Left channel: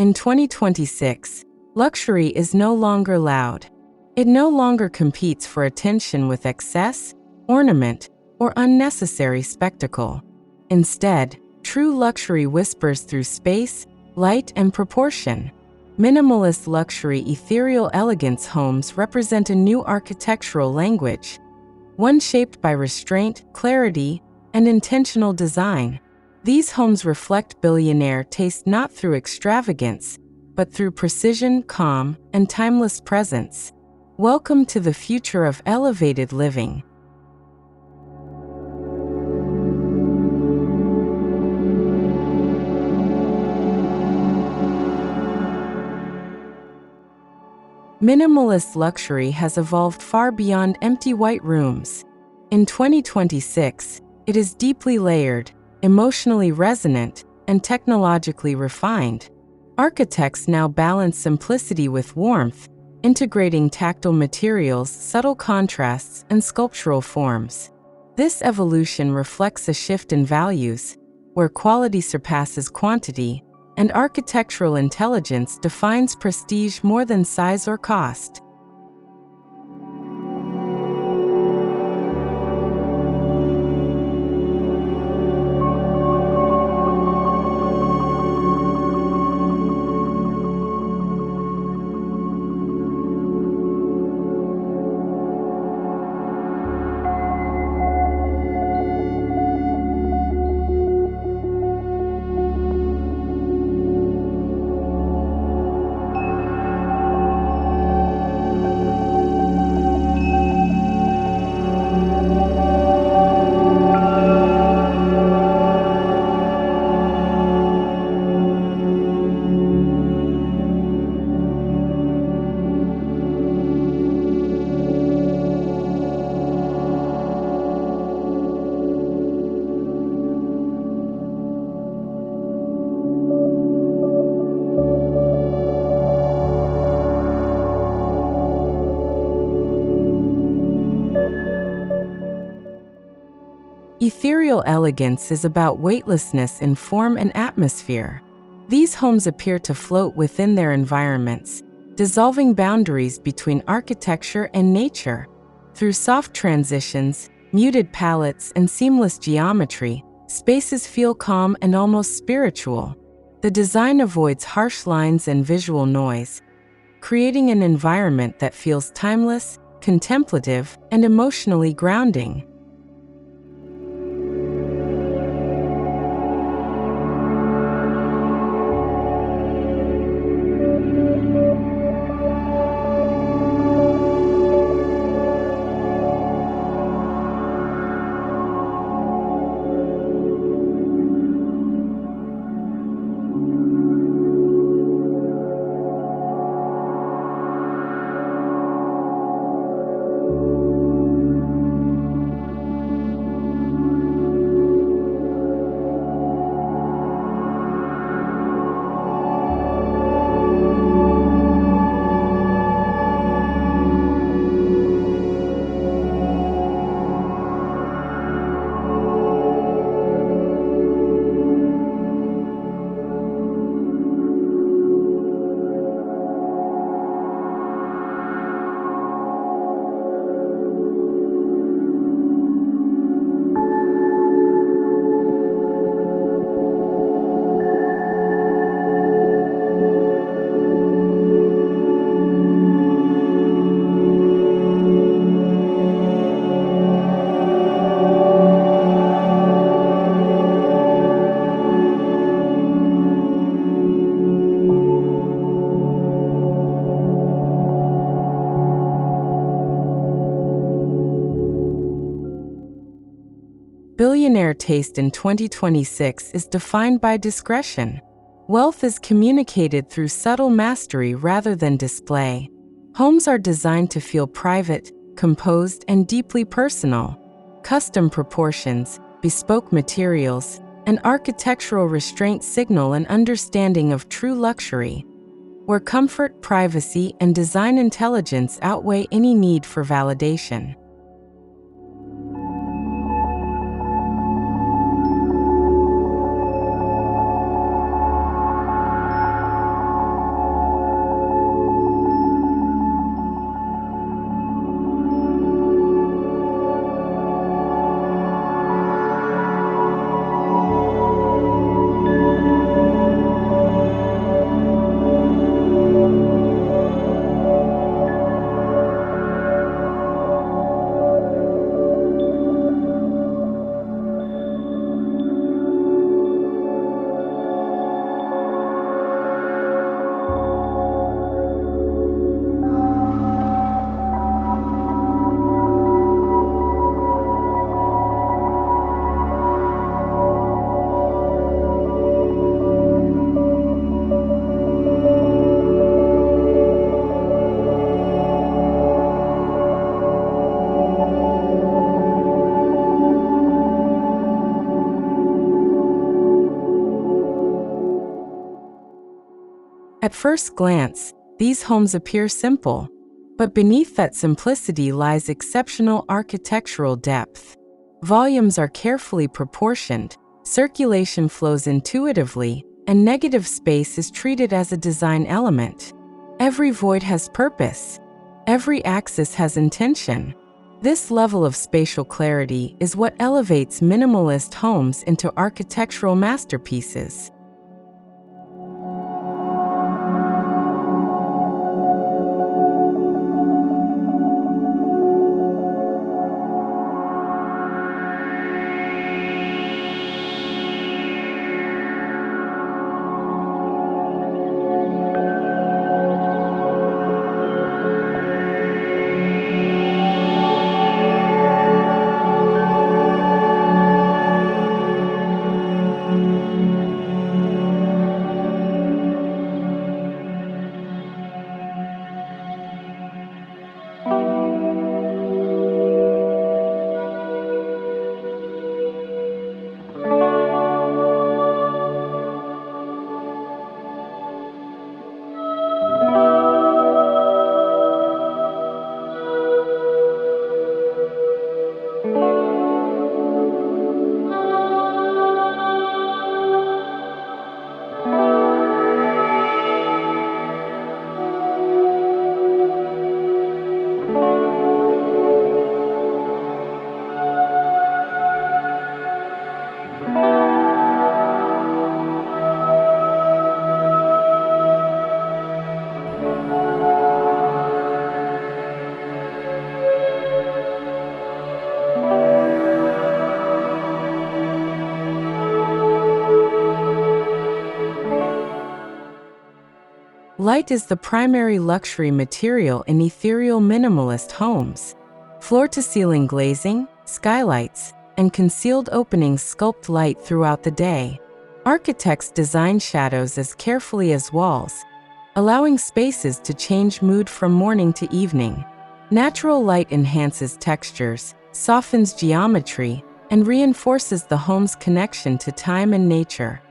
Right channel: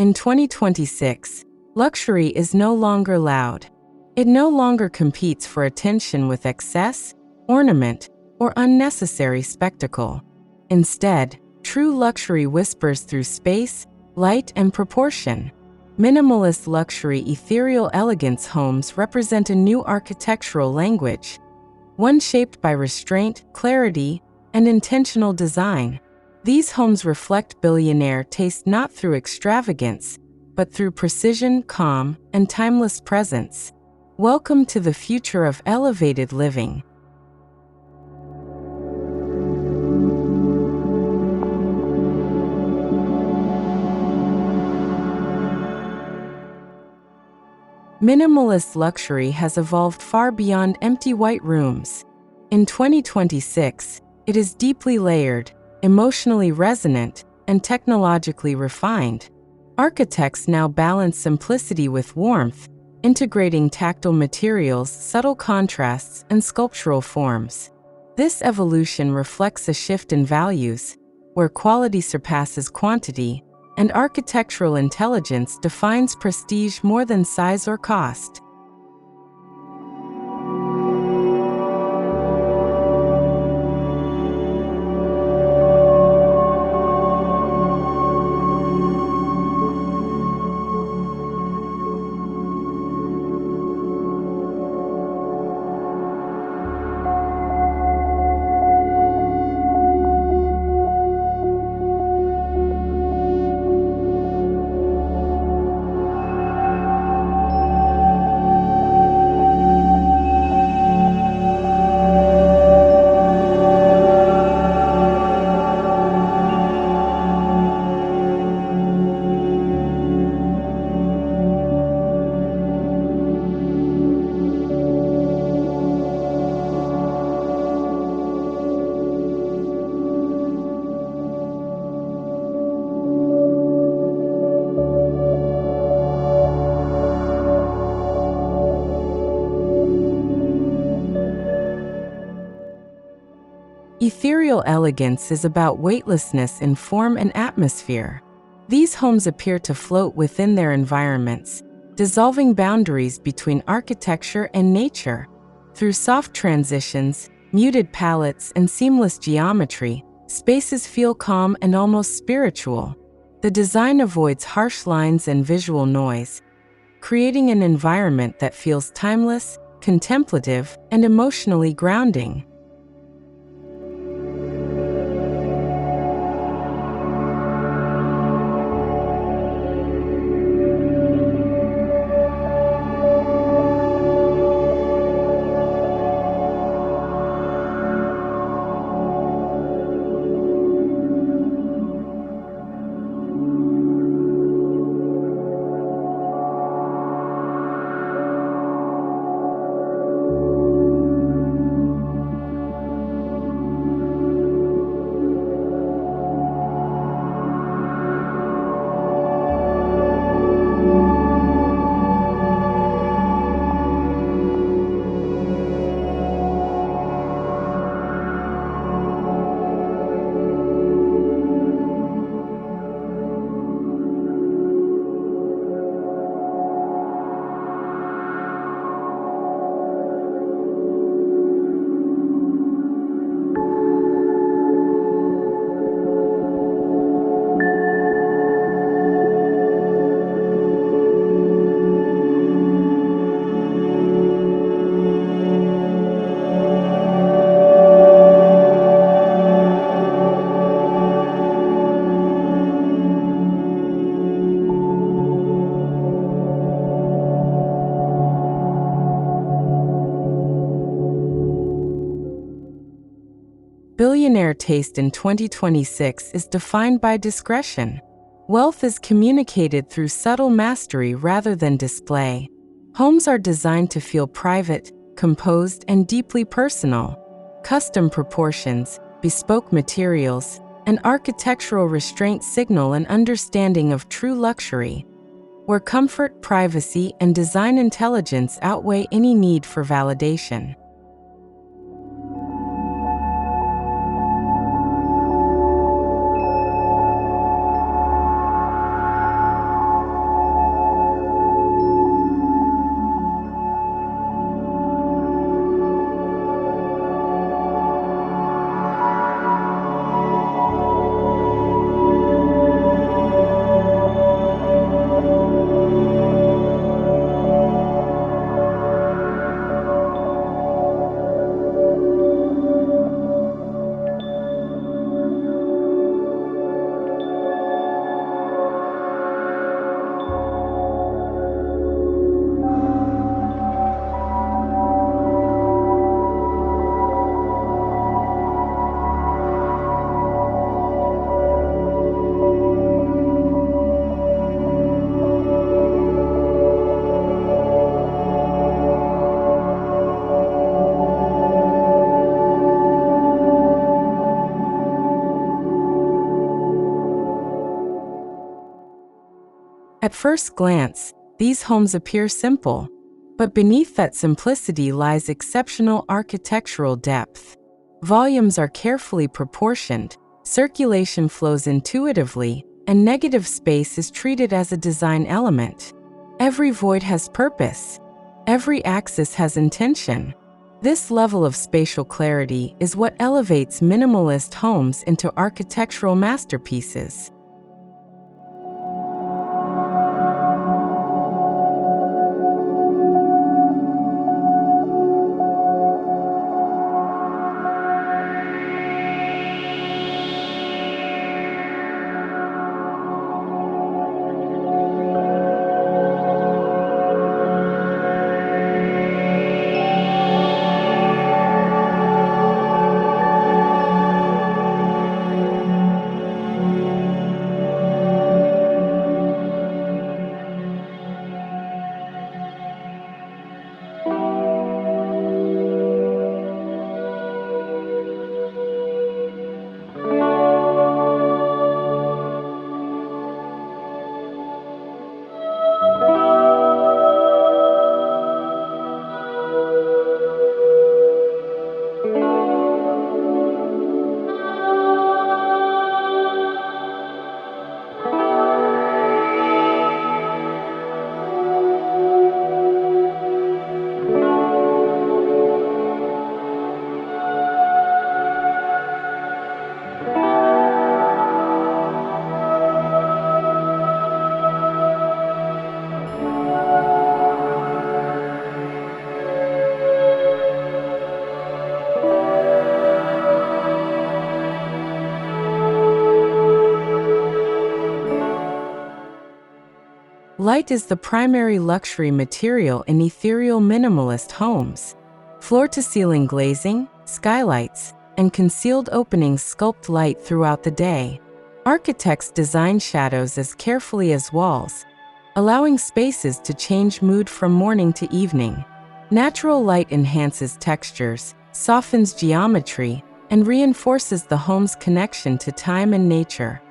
In 2026, luxury is no longer loud. It no longer competes for attention with excess, ornament, or unnecessary spectacle. Instead, true luxury whispers through space, light, and proportion. Minimalist luxury Ethereal Elegance homes represent a new architectural language, one shaped by restraint, clarity, and intentional design. These homes reflect billionaire taste not through extravagance, but through precision, calm, and timeless presence. Welcome to the future of elevated living. Minimalist luxury has evolved far beyond empty white rooms. In 2026, it is deeply layered, emotionally resonant, and technologically refined. Architects now balance simplicity with warmth, integrating tactile materials, subtle contrasts, and sculptural forms. This evolution reflects a shift in values, where quality surpasses quantity, and architectural intelligence defines prestige more than size or cost. Ethereal elegance is about weightlessness in form and atmosphere. These homes appear to float within their environments, dissolving boundaries between architecture and nature. Through soft transitions, muted palettes, and seamless geometry, spaces feel calm and almost spiritual. The design avoids harsh lines and visual noise, creating an environment that feels timeless, contemplative, and emotionally grounding. Billionaire taste in 2026 is defined by discretion. Wealth is communicated through subtle mastery rather than display. Homes are designed to feel private, composed, and deeply personal. Custom proportions, bespoke materials, and architectural restraint signal an understanding of true luxury, where comfort, privacy, and design intelligence outweigh any need for validation. At first glance, these homes appear simple, but beneath that simplicity lies exceptional architectural depth. Volumes are carefully proportioned, circulation flows intuitively, and negative space is treated as a design element. Every void has purpose. Every axis has intention. This level of spatial clarity is what elevates minimalist homes into architectural masterpieces. Light is the primary luxury material in ethereal minimalist homes. Floor-to-ceiling glazing, skylights, and concealed openings sculpt light throughout the day. Architects design shadows as carefully as walls, allowing spaces to change mood from morning to evening. Natural light enhances textures, softens geometry, and reinforces the home's connection to time and nature.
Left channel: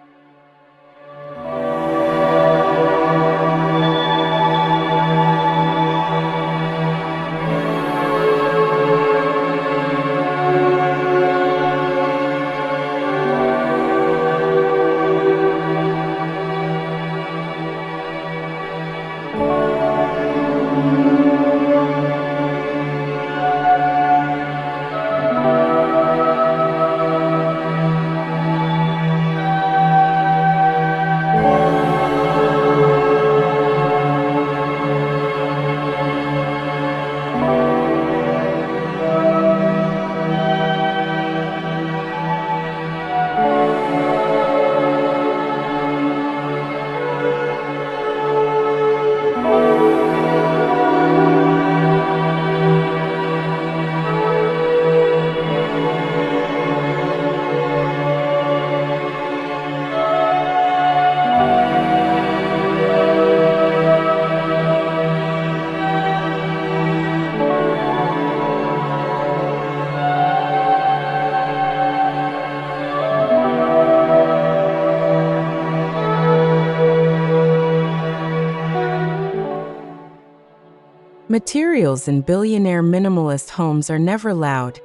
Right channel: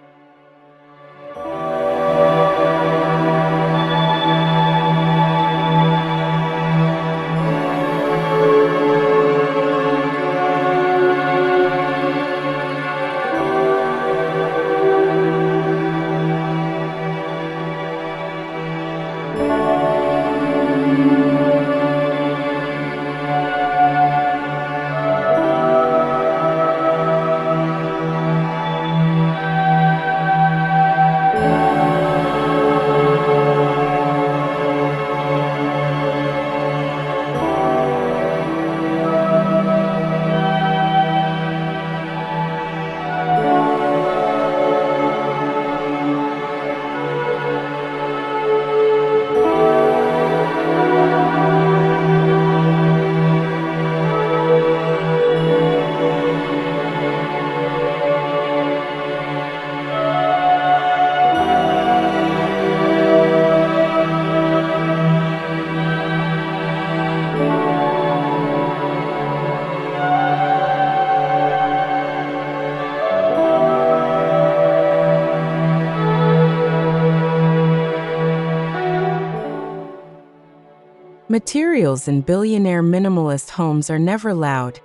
Materials in billionaire minimalist homes are never loud,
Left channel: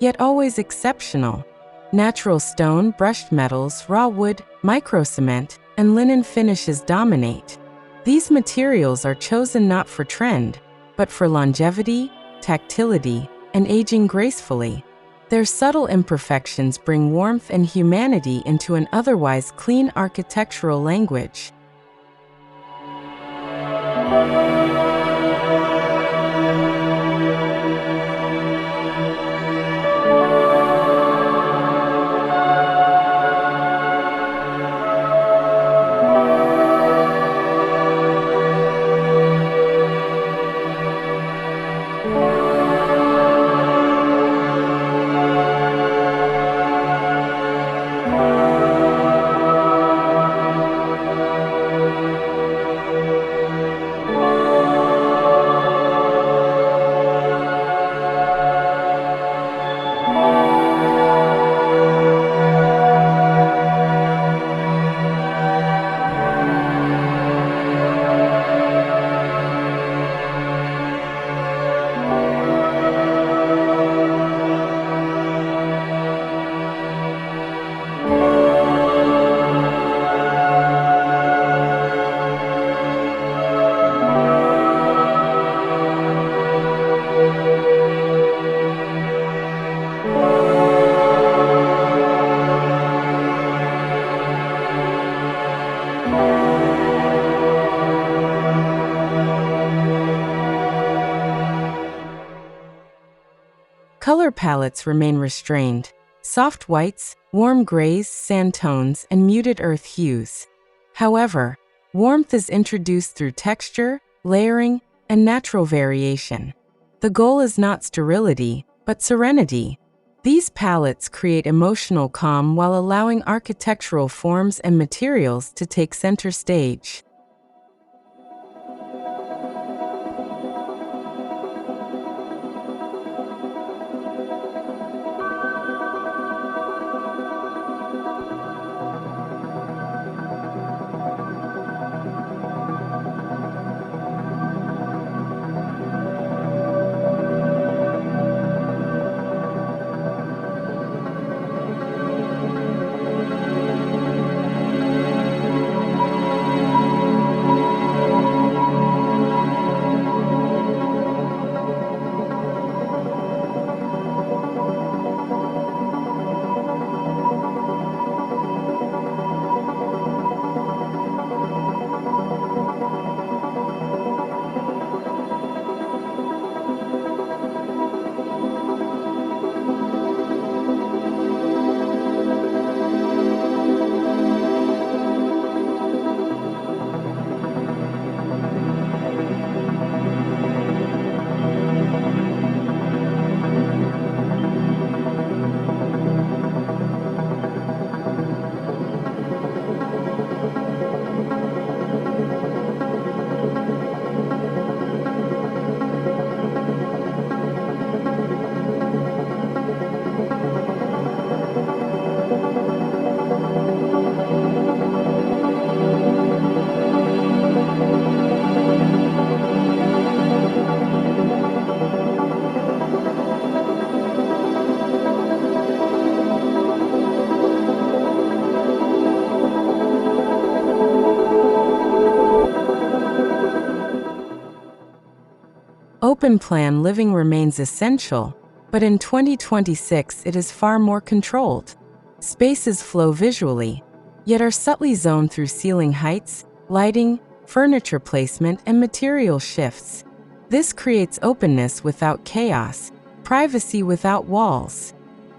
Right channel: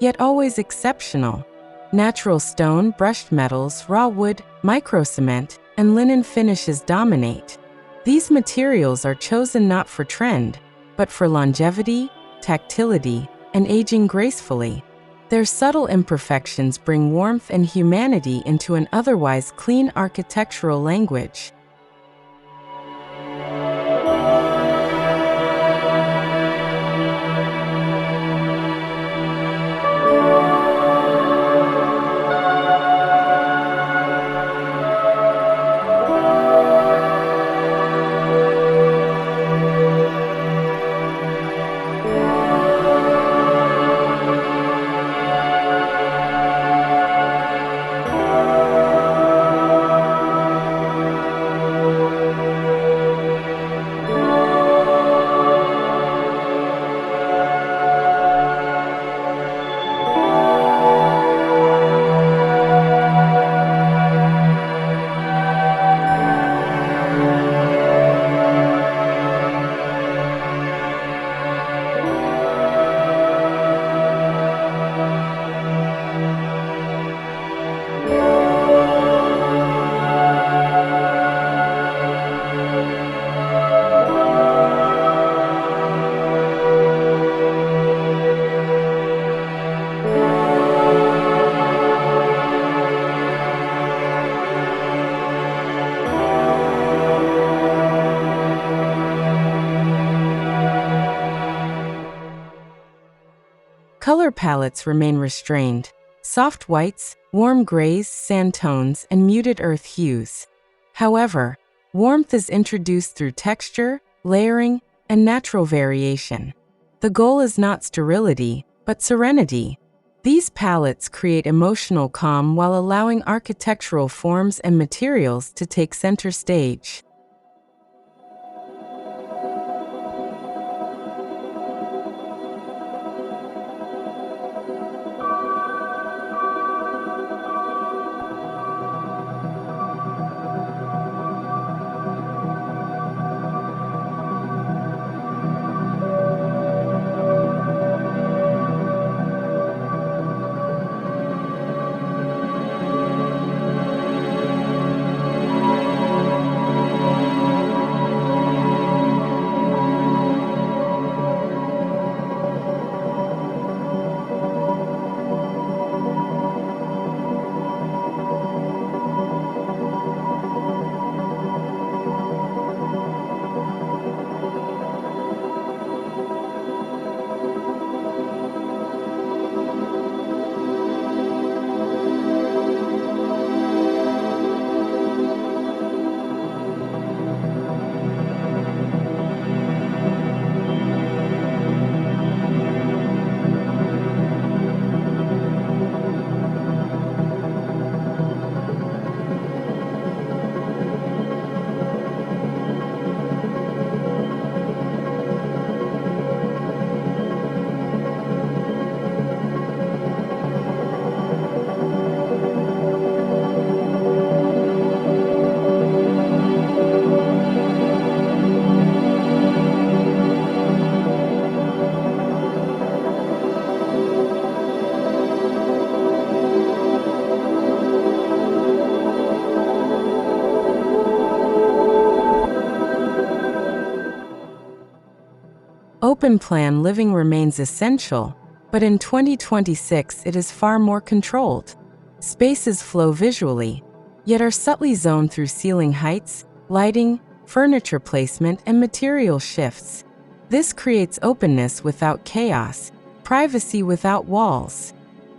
yet always exceptional. Natural stone, brushed metals, raw wood, microcement, and linen finishes dominate. These materials are chosen not for trend, but for longevity, tactility, and aging gracefully. Their subtle imperfections bring warmth and humanity into an otherwise clean architectural language. Color palettes remain restrained: soft whites, warm grays, sand tones, and muted earth hues. However, warmth is introduced through texture, layering, and natural variation. The goal is not sterility, but serenity. These palettes create emotional calm while allowing architectural forms and materials to take center stage. Open-plan living remains essential, but in 2026 it is far more controlled. Spaces flow visually, yet are subtly zoned through ceiling heights, lighting, furniture placement, and material shifts. This creates openness without chaos, privacy without walls.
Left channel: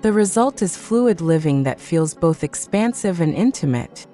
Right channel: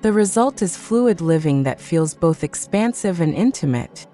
The result is fluid living that feels both expansive and intimate.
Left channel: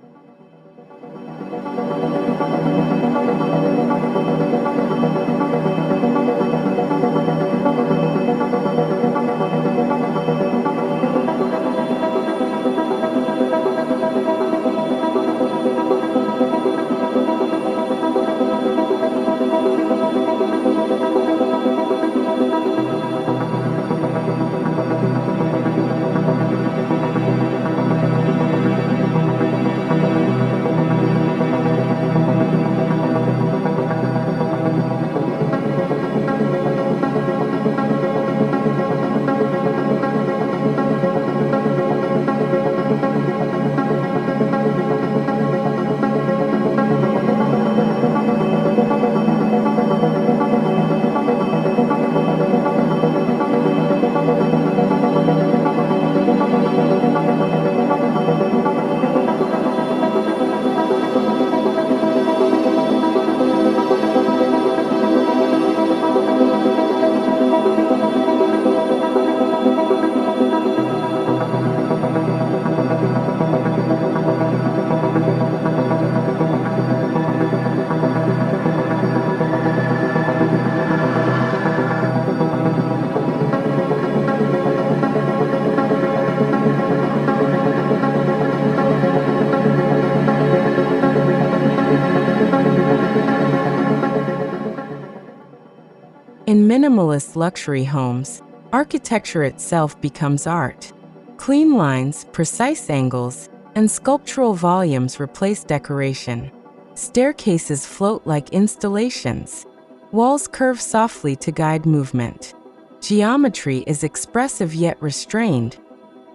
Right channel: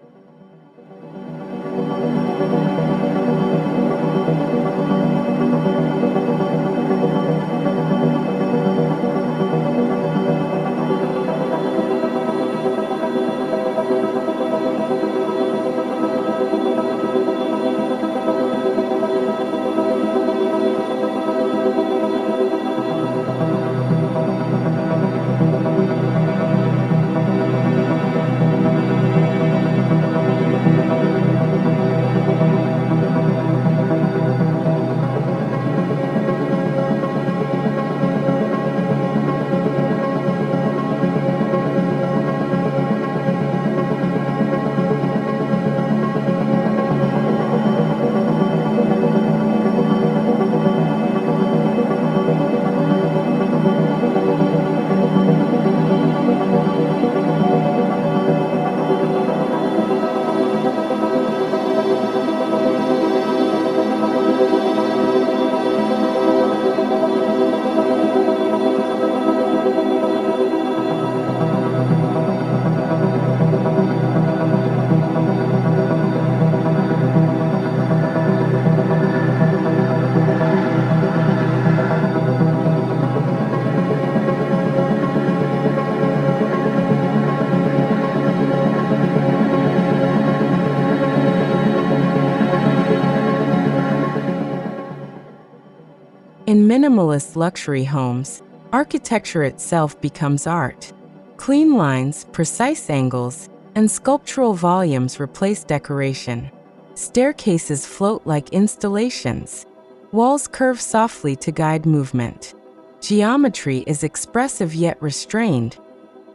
In minimalist luxury homes, architecture itself becomes art. Clean lines, precise angles, and sculptural volumes replace decoration. Staircases float like installations. Walls curve softly to guide movement. Geometry is expressive yet restrained,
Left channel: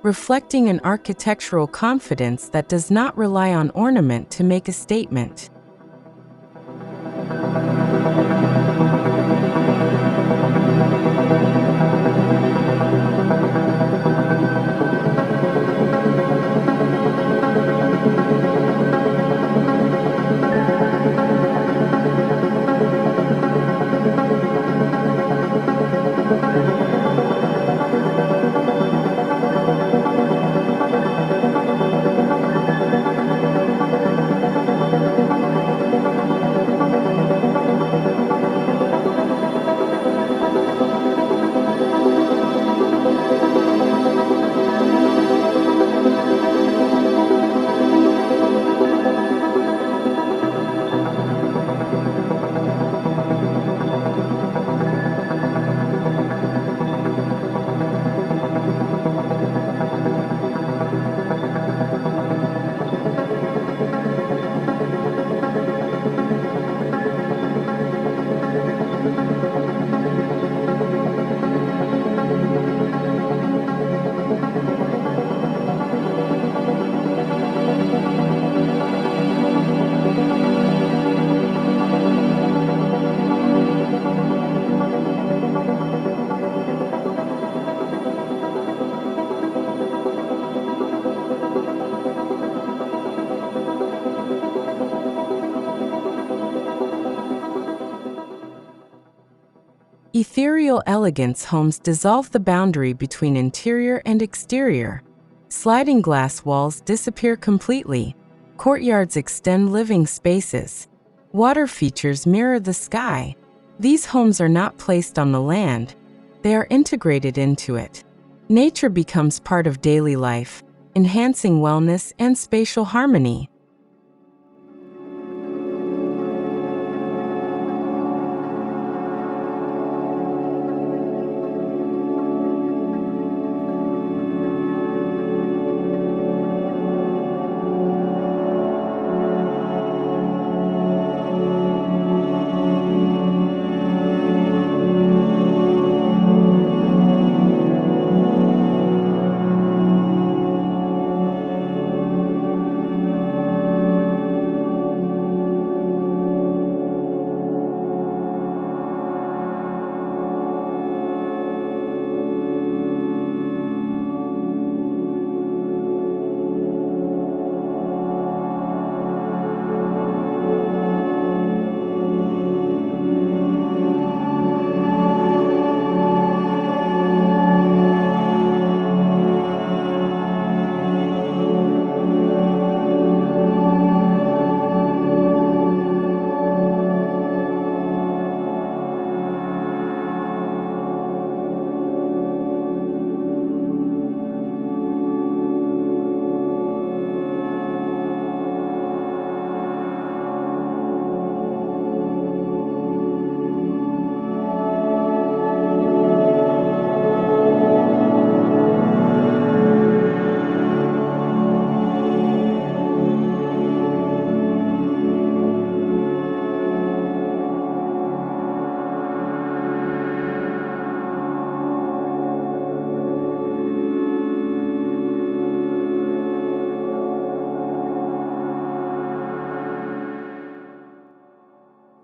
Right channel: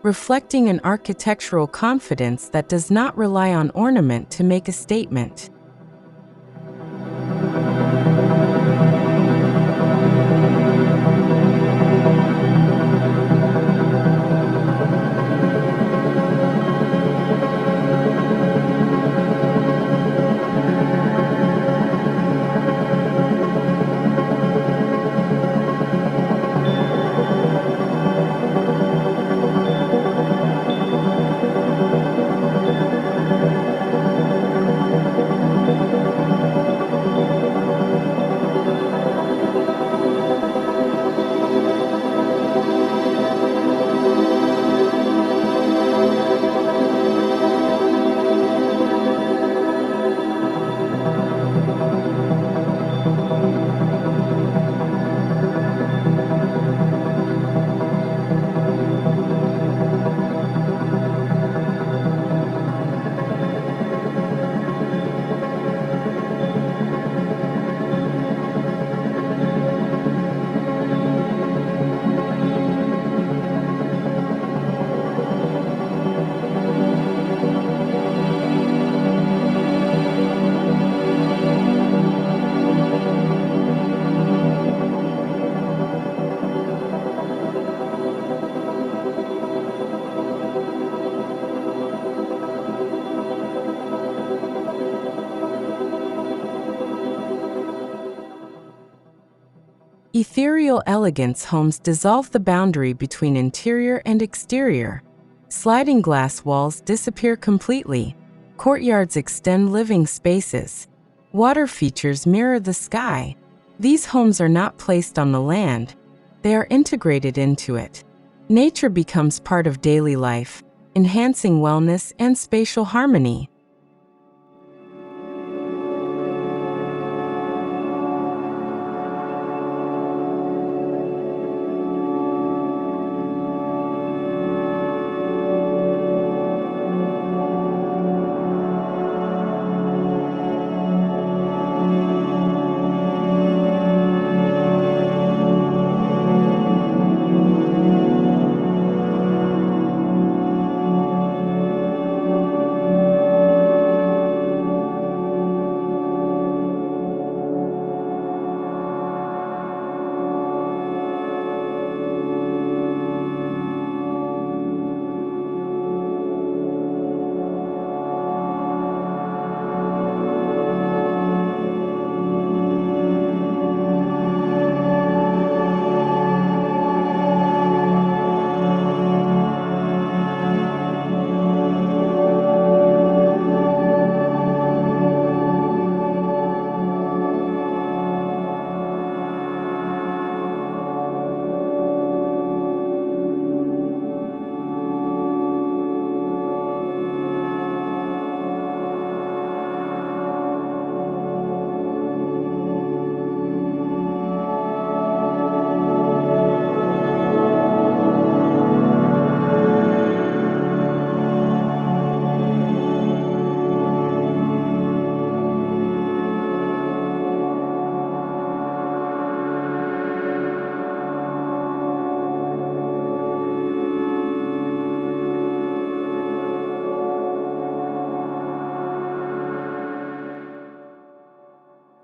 reflecting an architectural confidence that does not rely on ornament to make a statement. Ethereal Elegance homes dissolve the boundary between interior and exterior. Sliding glass walls disappear completely. Courtyards extend living spaces. Water features mirror the sky. These homes are not placed on the land, they are integrated into it. Nature becomes part of daily life, enhancing wellness and spatial harmony.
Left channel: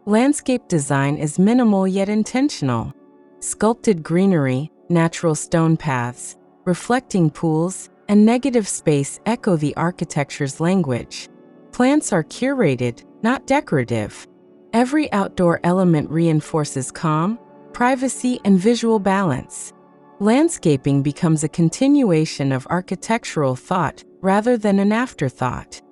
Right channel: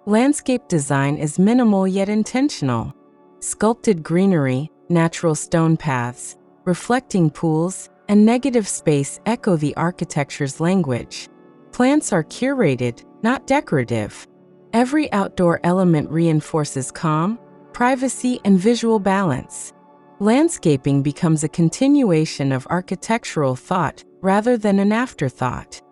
Landscape design is minimal yet intentional. Sculpted greenery, natural stone paths, reflecting pools, and negative space echo the architecture's language. Plants are curated, not decorative. Every outdoor element reinforces calm, privacy, and visual balance. Landscaping becomes a continuation of architectural thought rather than an afterthought.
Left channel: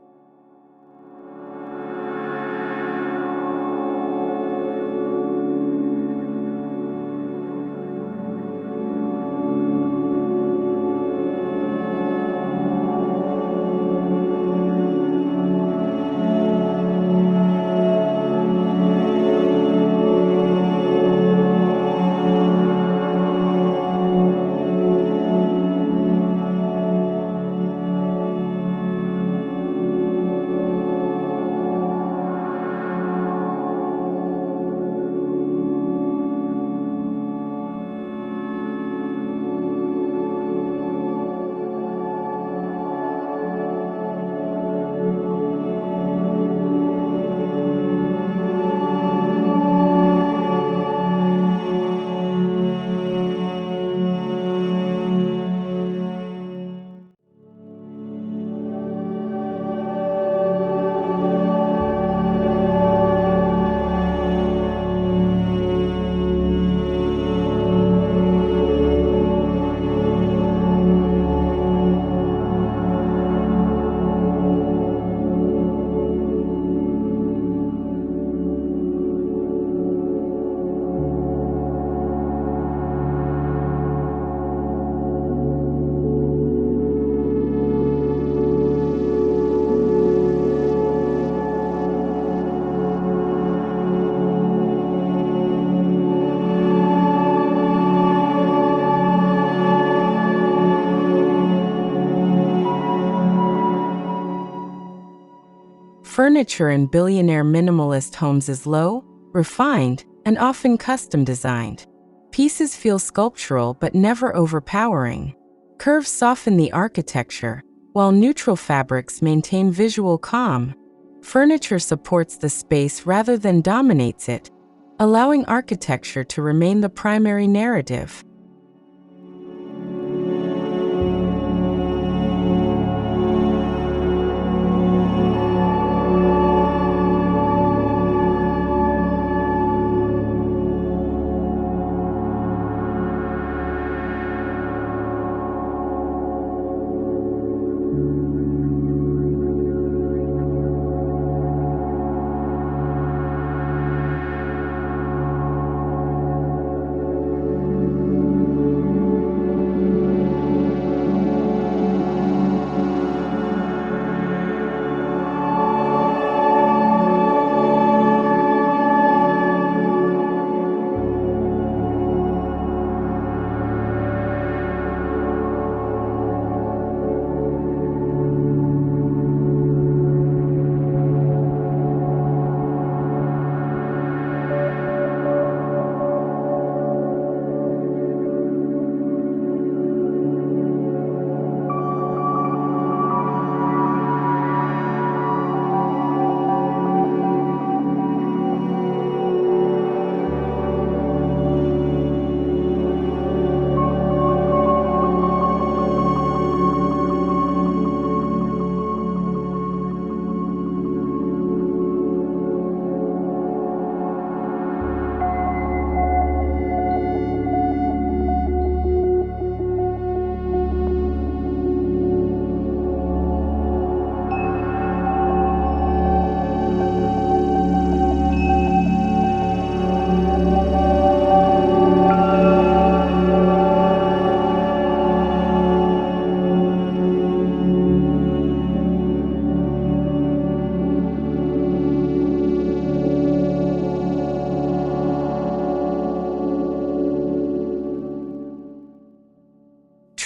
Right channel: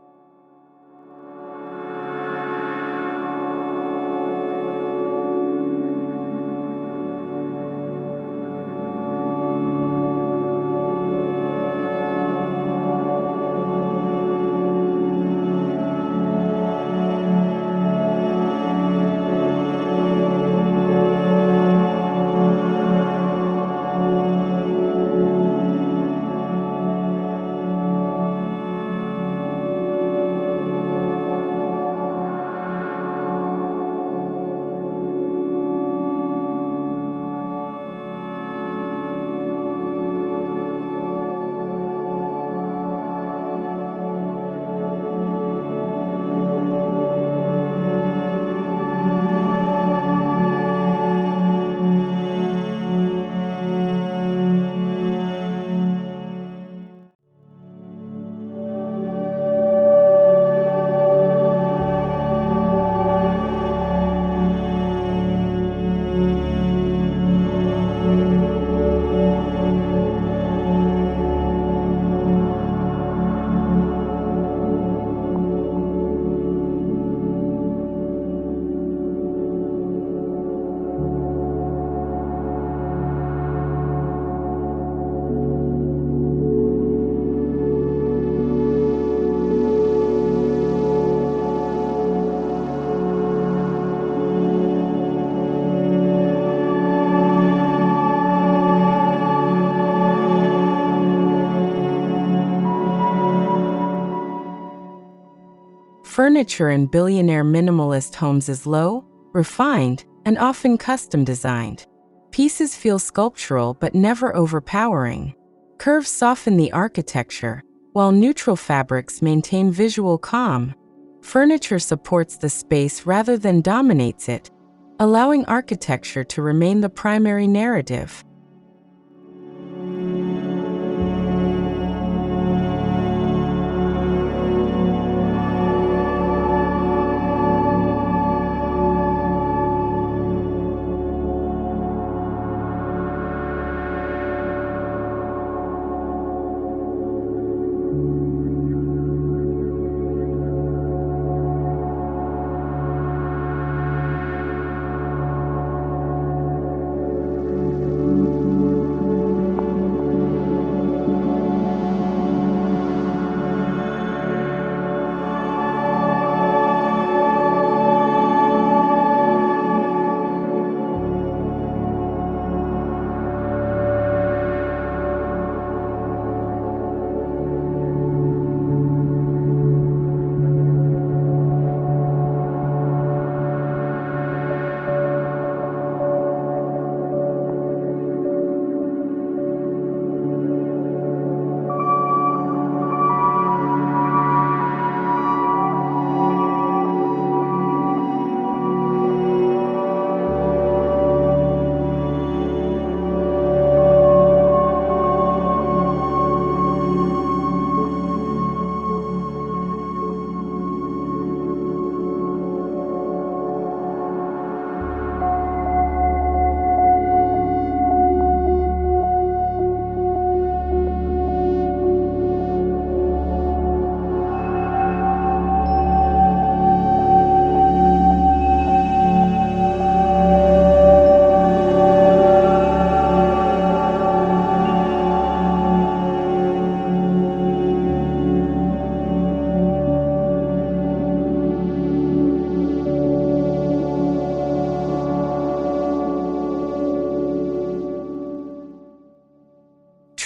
Furniture in billionaire minimalist homes is low, refined, and often custom designed. Pieces feel sculptural but never overpowering. Curves soften the architecture, while neutral fabrics maintain visual calm. Furniture supports the space rather than dominates it, allowing architecture to remain the primary narrative.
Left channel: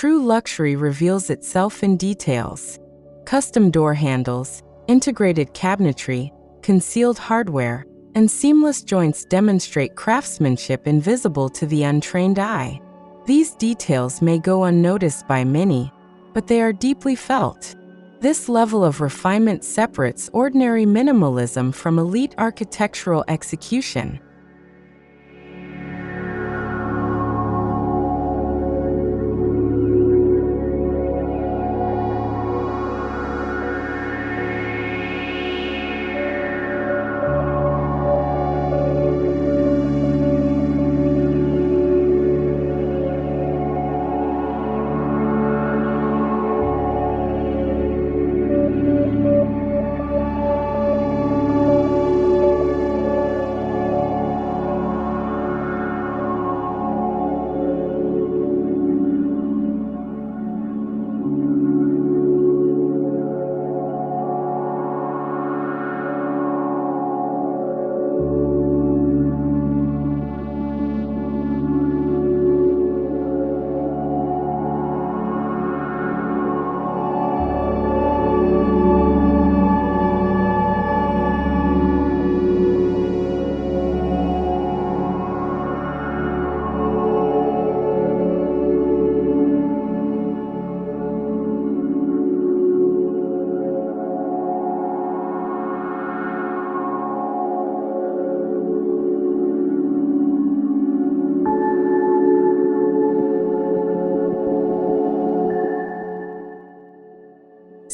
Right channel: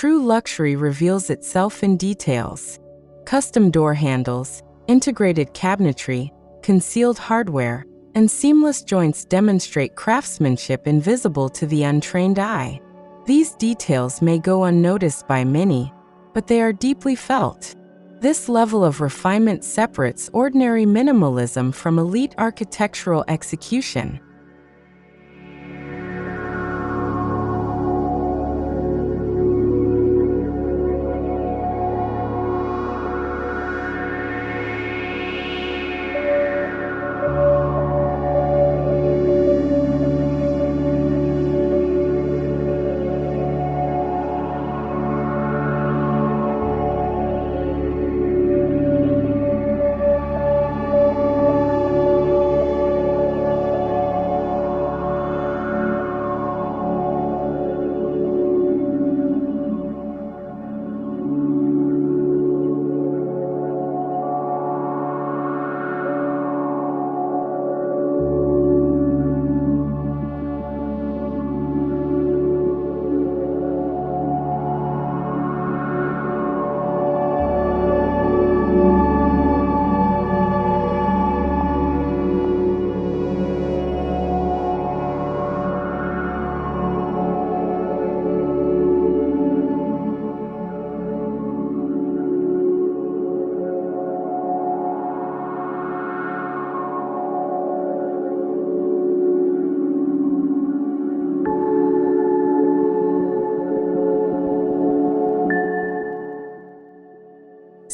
True luxury reveals itself in details. Custom door handles, integrated cabinetry, concealed hardware, and seamless joints demonstrate craftsmanship invisible to the untrained eye. These details may go unnoticed by many, but they are deeply felt. This level of refinement separates ordinary minimalism from elite architectural execution.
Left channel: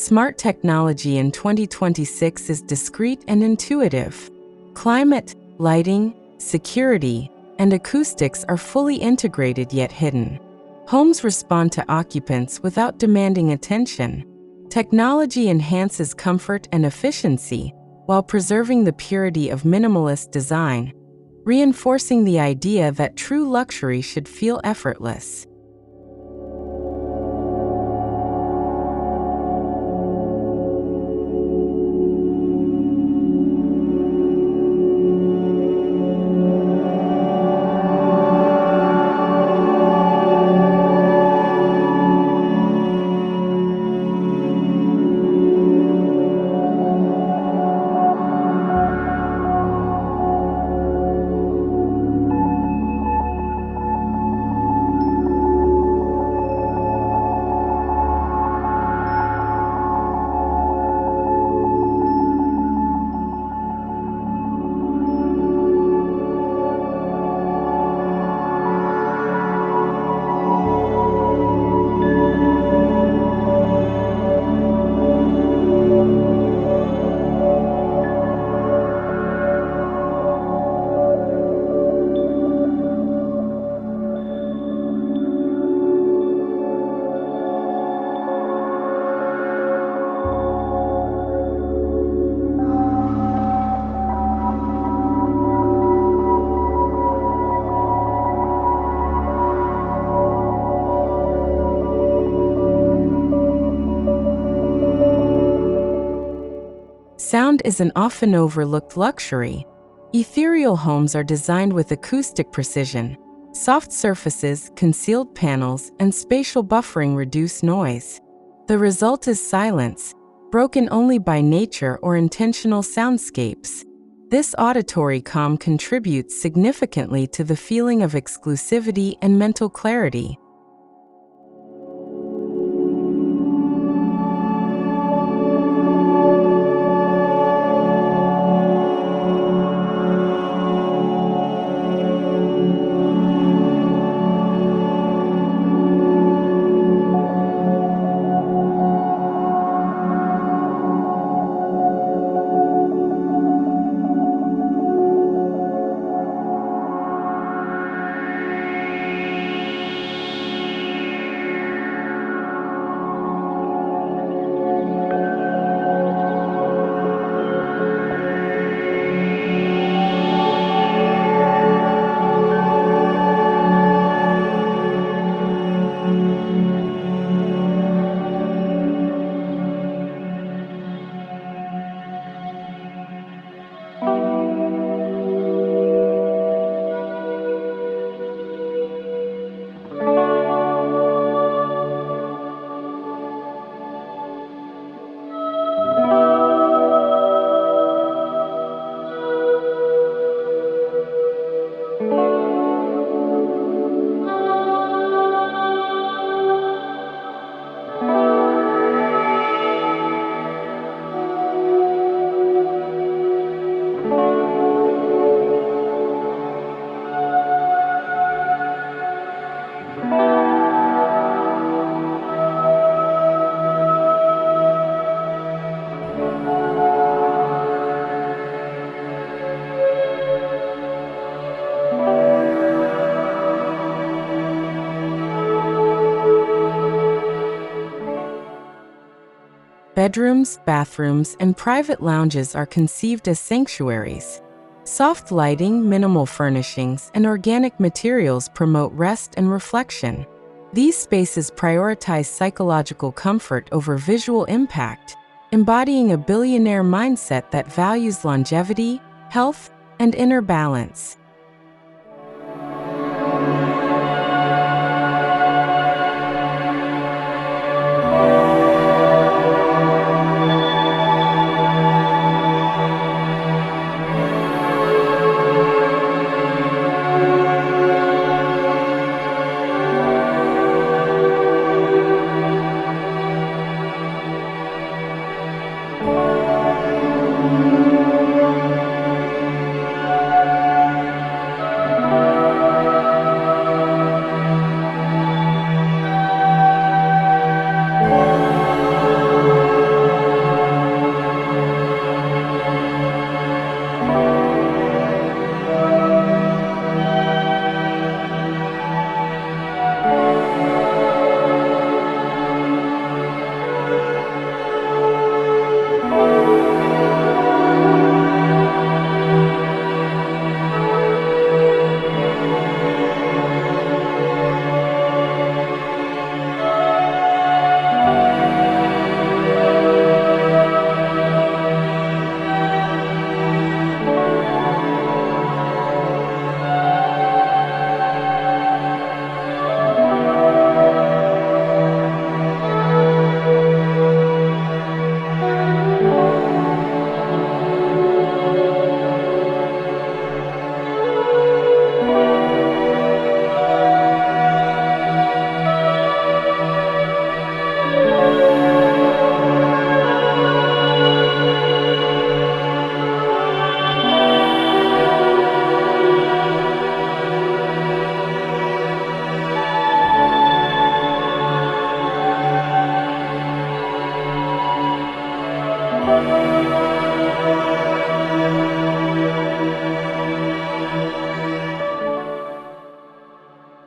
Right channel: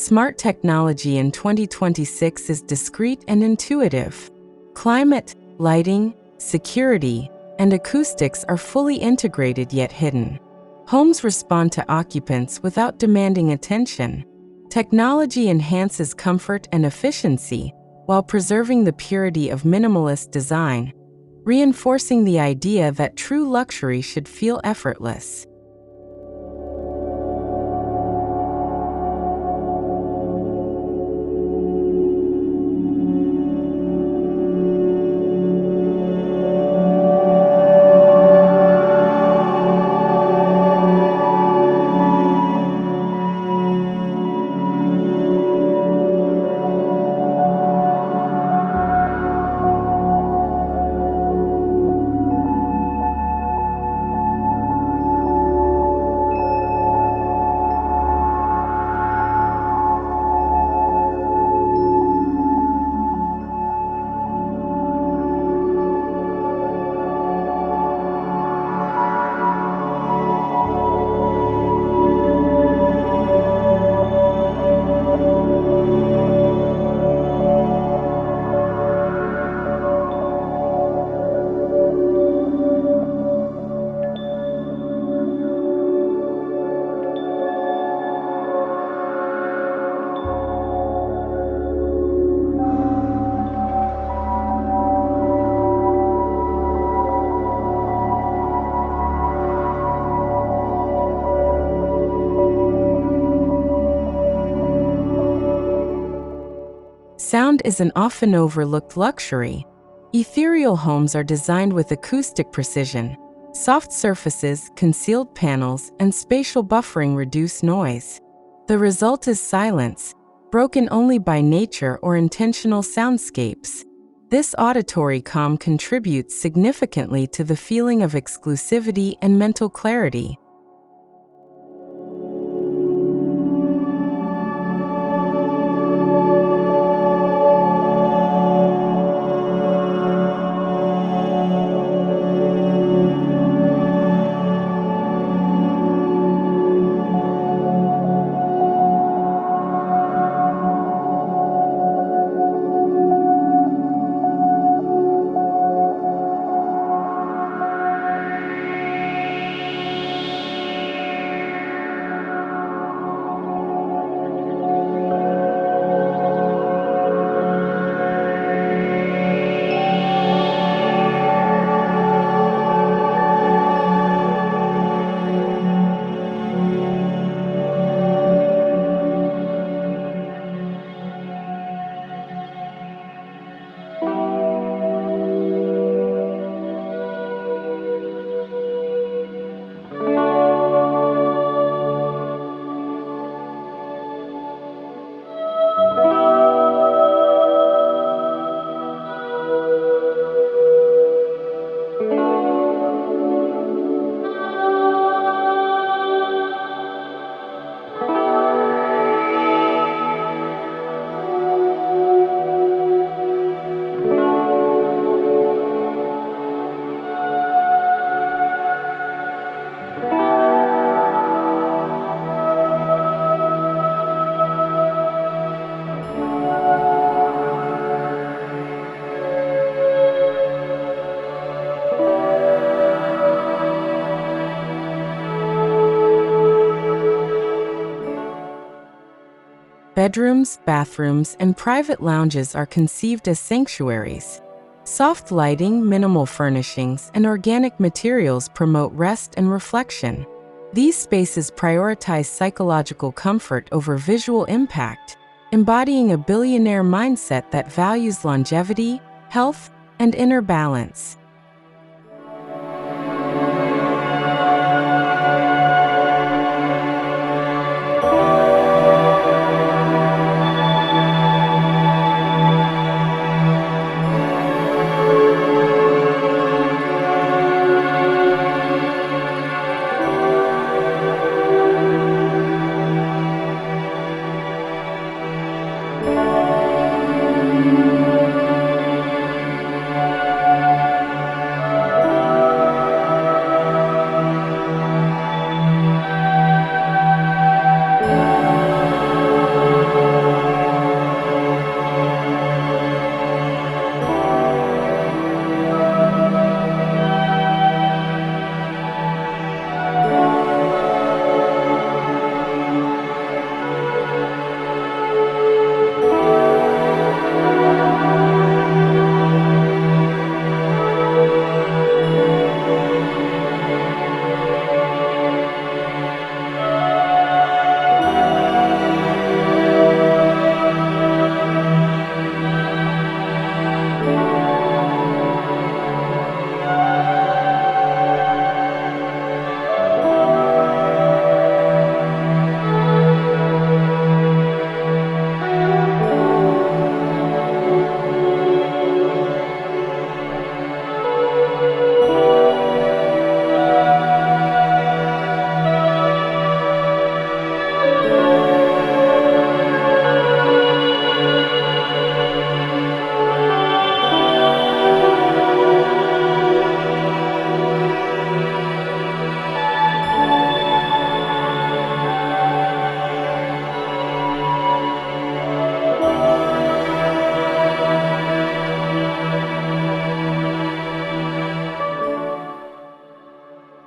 Smart technology in 2026 is discreet and intuitive. Climate, lighting, security, and acoustics are fully integrated yet hidden. Homes respond to occupants without demanding attention. Technology enhances comfort and efficiency while preserving the purity of minimalist design, reinforcing the idea that true luxury should feel effortless. Sound is an often overlooked luxury. Ethereal homes are designed with acoustic precision. Soft surfaces, concealed panels, and spatial buffering reduce noise. The result is silence, broken only by nature or intentional soundscapes. This auditory calm contributes significantly to the feeling of exclusivity and mental clarity. Bedrooms, bathrooms, and private lounges are conceived as sanctuaries. Soft lighting, minimal furnishings, and organic materials promote rest and reflection. These spaces prioritize psychological comfort over visual impact, embodying a billionaire mindset that values longevity, health, and inner balance.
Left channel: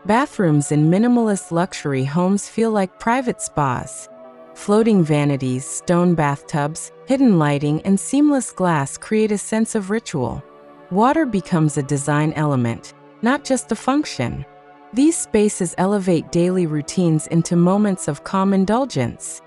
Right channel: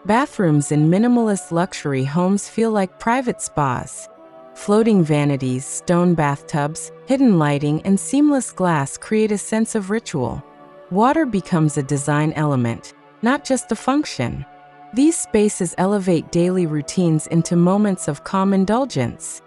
Bathrooms in minimalist luxury homes feel like private spas. Floating vanities, stone bathtubs, hidden lighting, and seamless glass create a sense of ritual. Water becomes a design element, not just a function. These spaces elevate daily routines into moments of calm indulgence.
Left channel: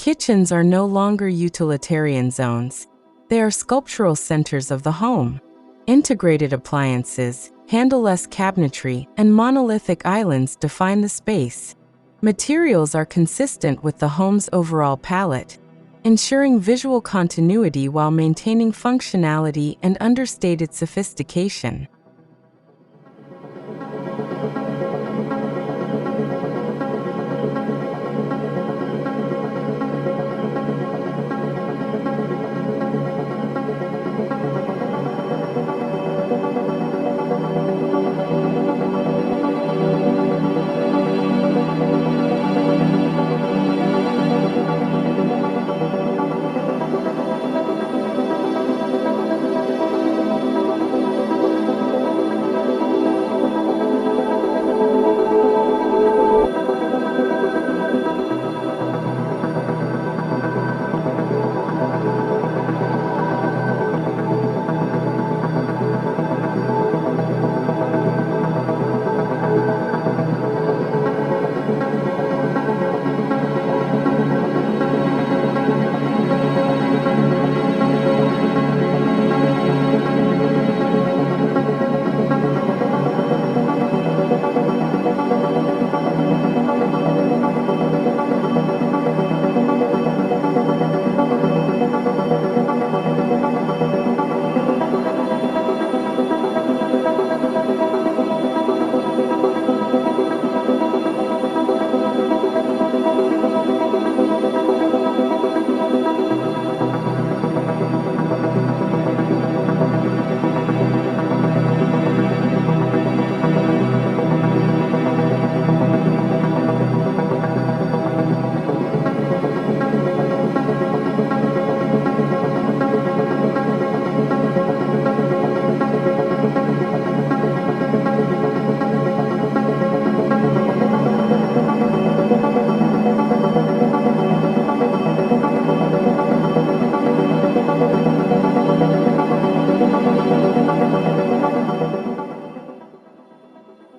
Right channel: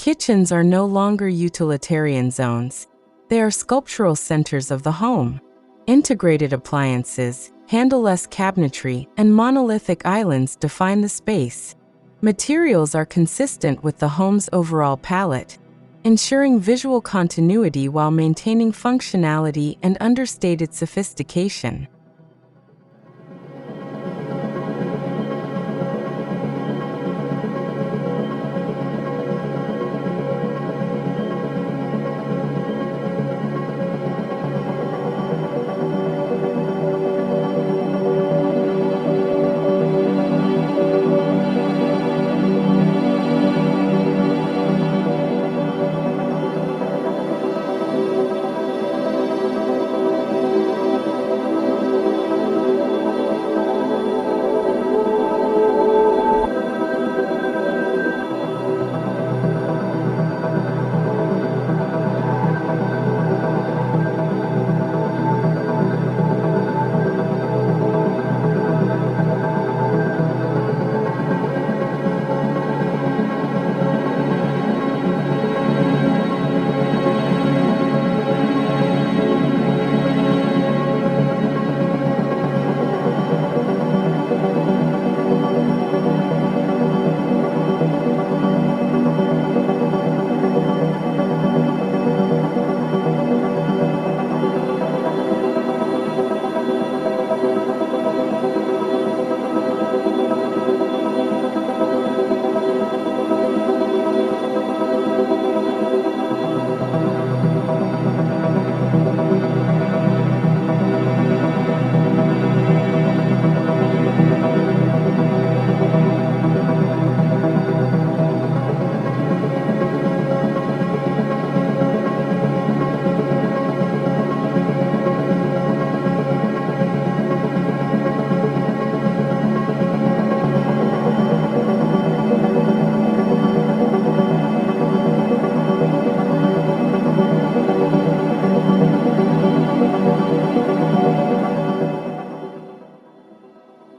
Kitchens are no longer utilitarian zones. They are sculptural centers of the home. Integrated appliances, handleless cabinetry, and monolithic islands define the space. Materials are consistent with the home's overall palette, ensuring visual continuity while maintaining functionality and understated sophistication.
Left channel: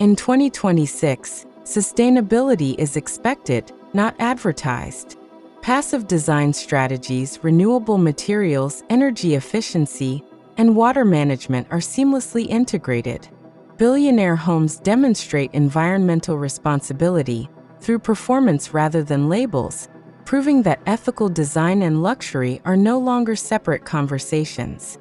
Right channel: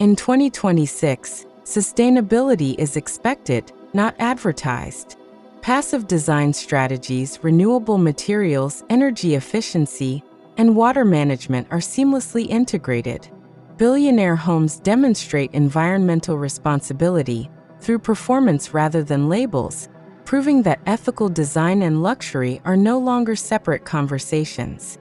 In 2026, sustainability is expected, not advertised. Passive design strategies, renewable materials, energy efficiency, and water management are seamlessly integrated. Billionaire homes demonstrate environmental responsibility through performance rather than labels, proving that ethical design and luxury are no longer separate conversations.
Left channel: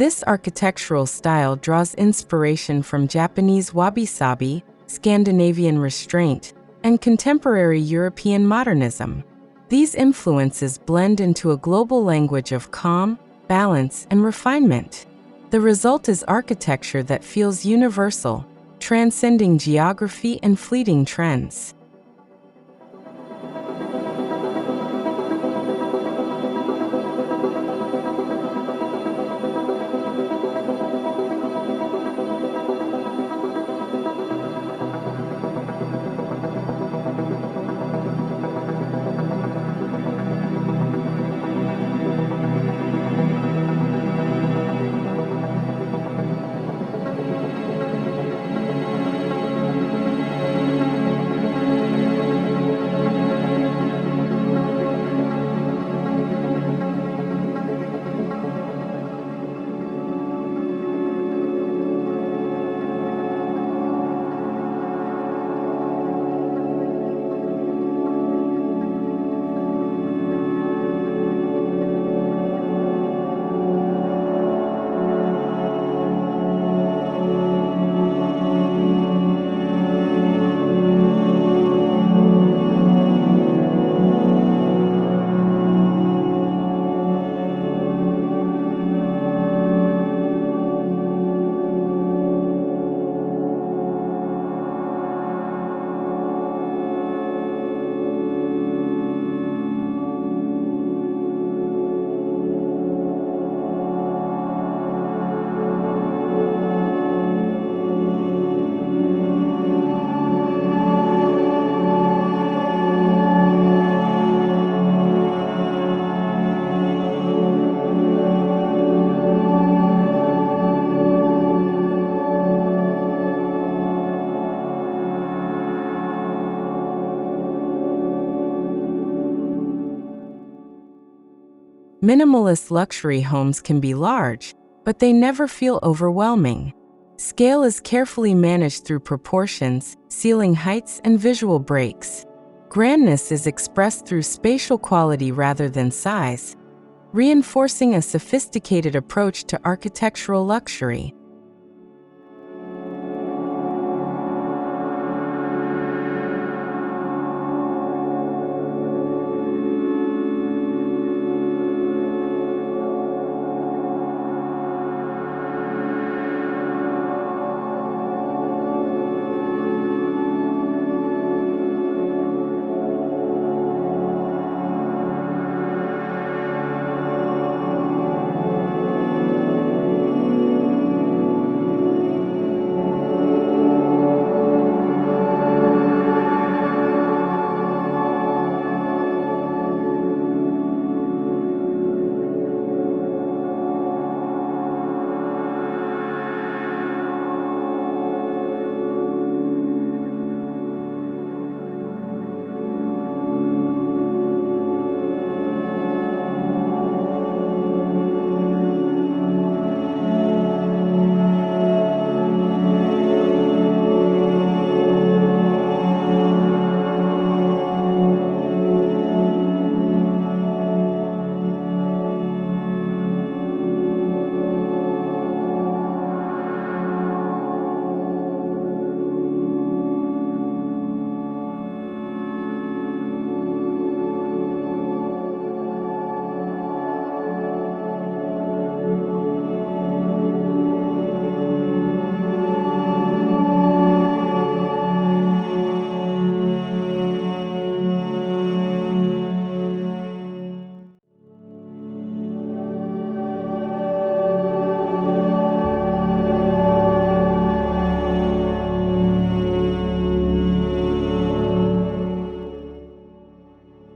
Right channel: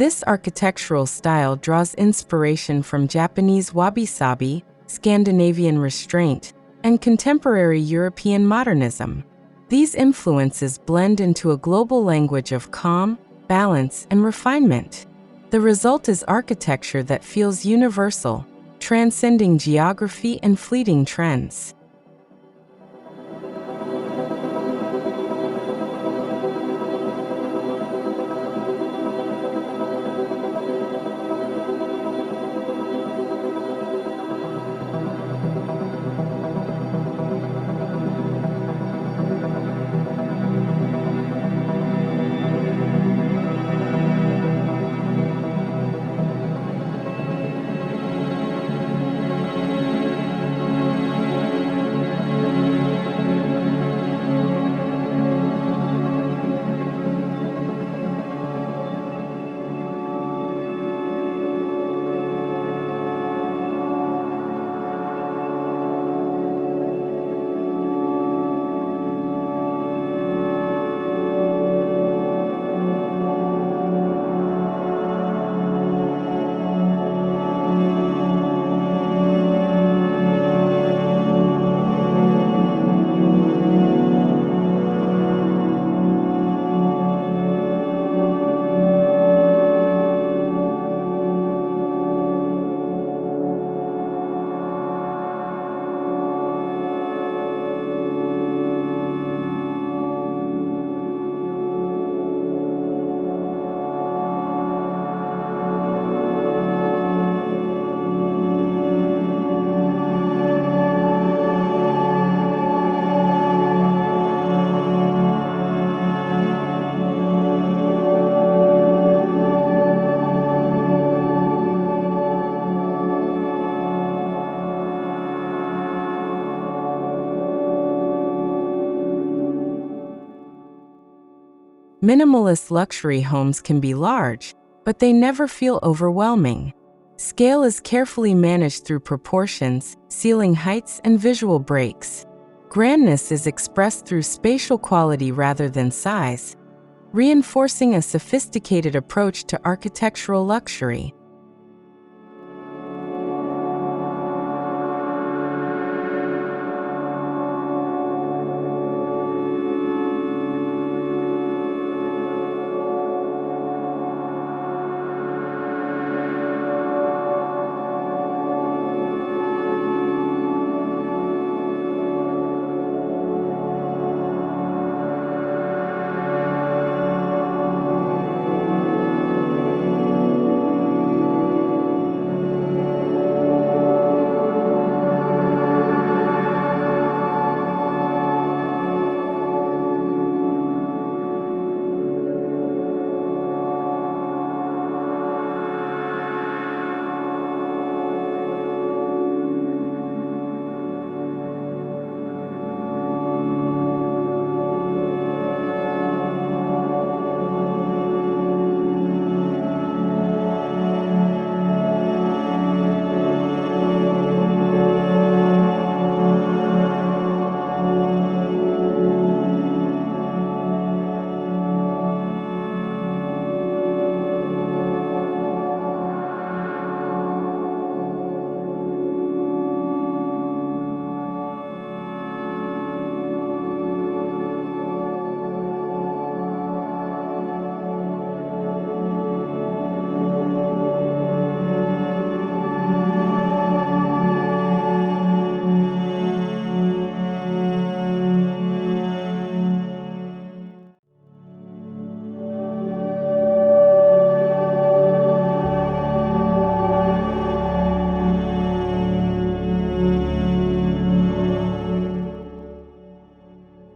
This architectural style draws inspiration from Japanese wabi-sabi, Scandinavian restraint, and contemporary European modernism. These influences blend into a global language of calm, balance, and refinement. The result is architecture that feels universal, transcending geography and fleeting trends. Minimalist luxury homes can be large, but they never feel overwhelming. Scale is carefully managed through proportions, ceiling heights, and visual breaks. Grandness is expressed through spatial quality rather than size, reinforcing a sophisticated approach to architectural luxury.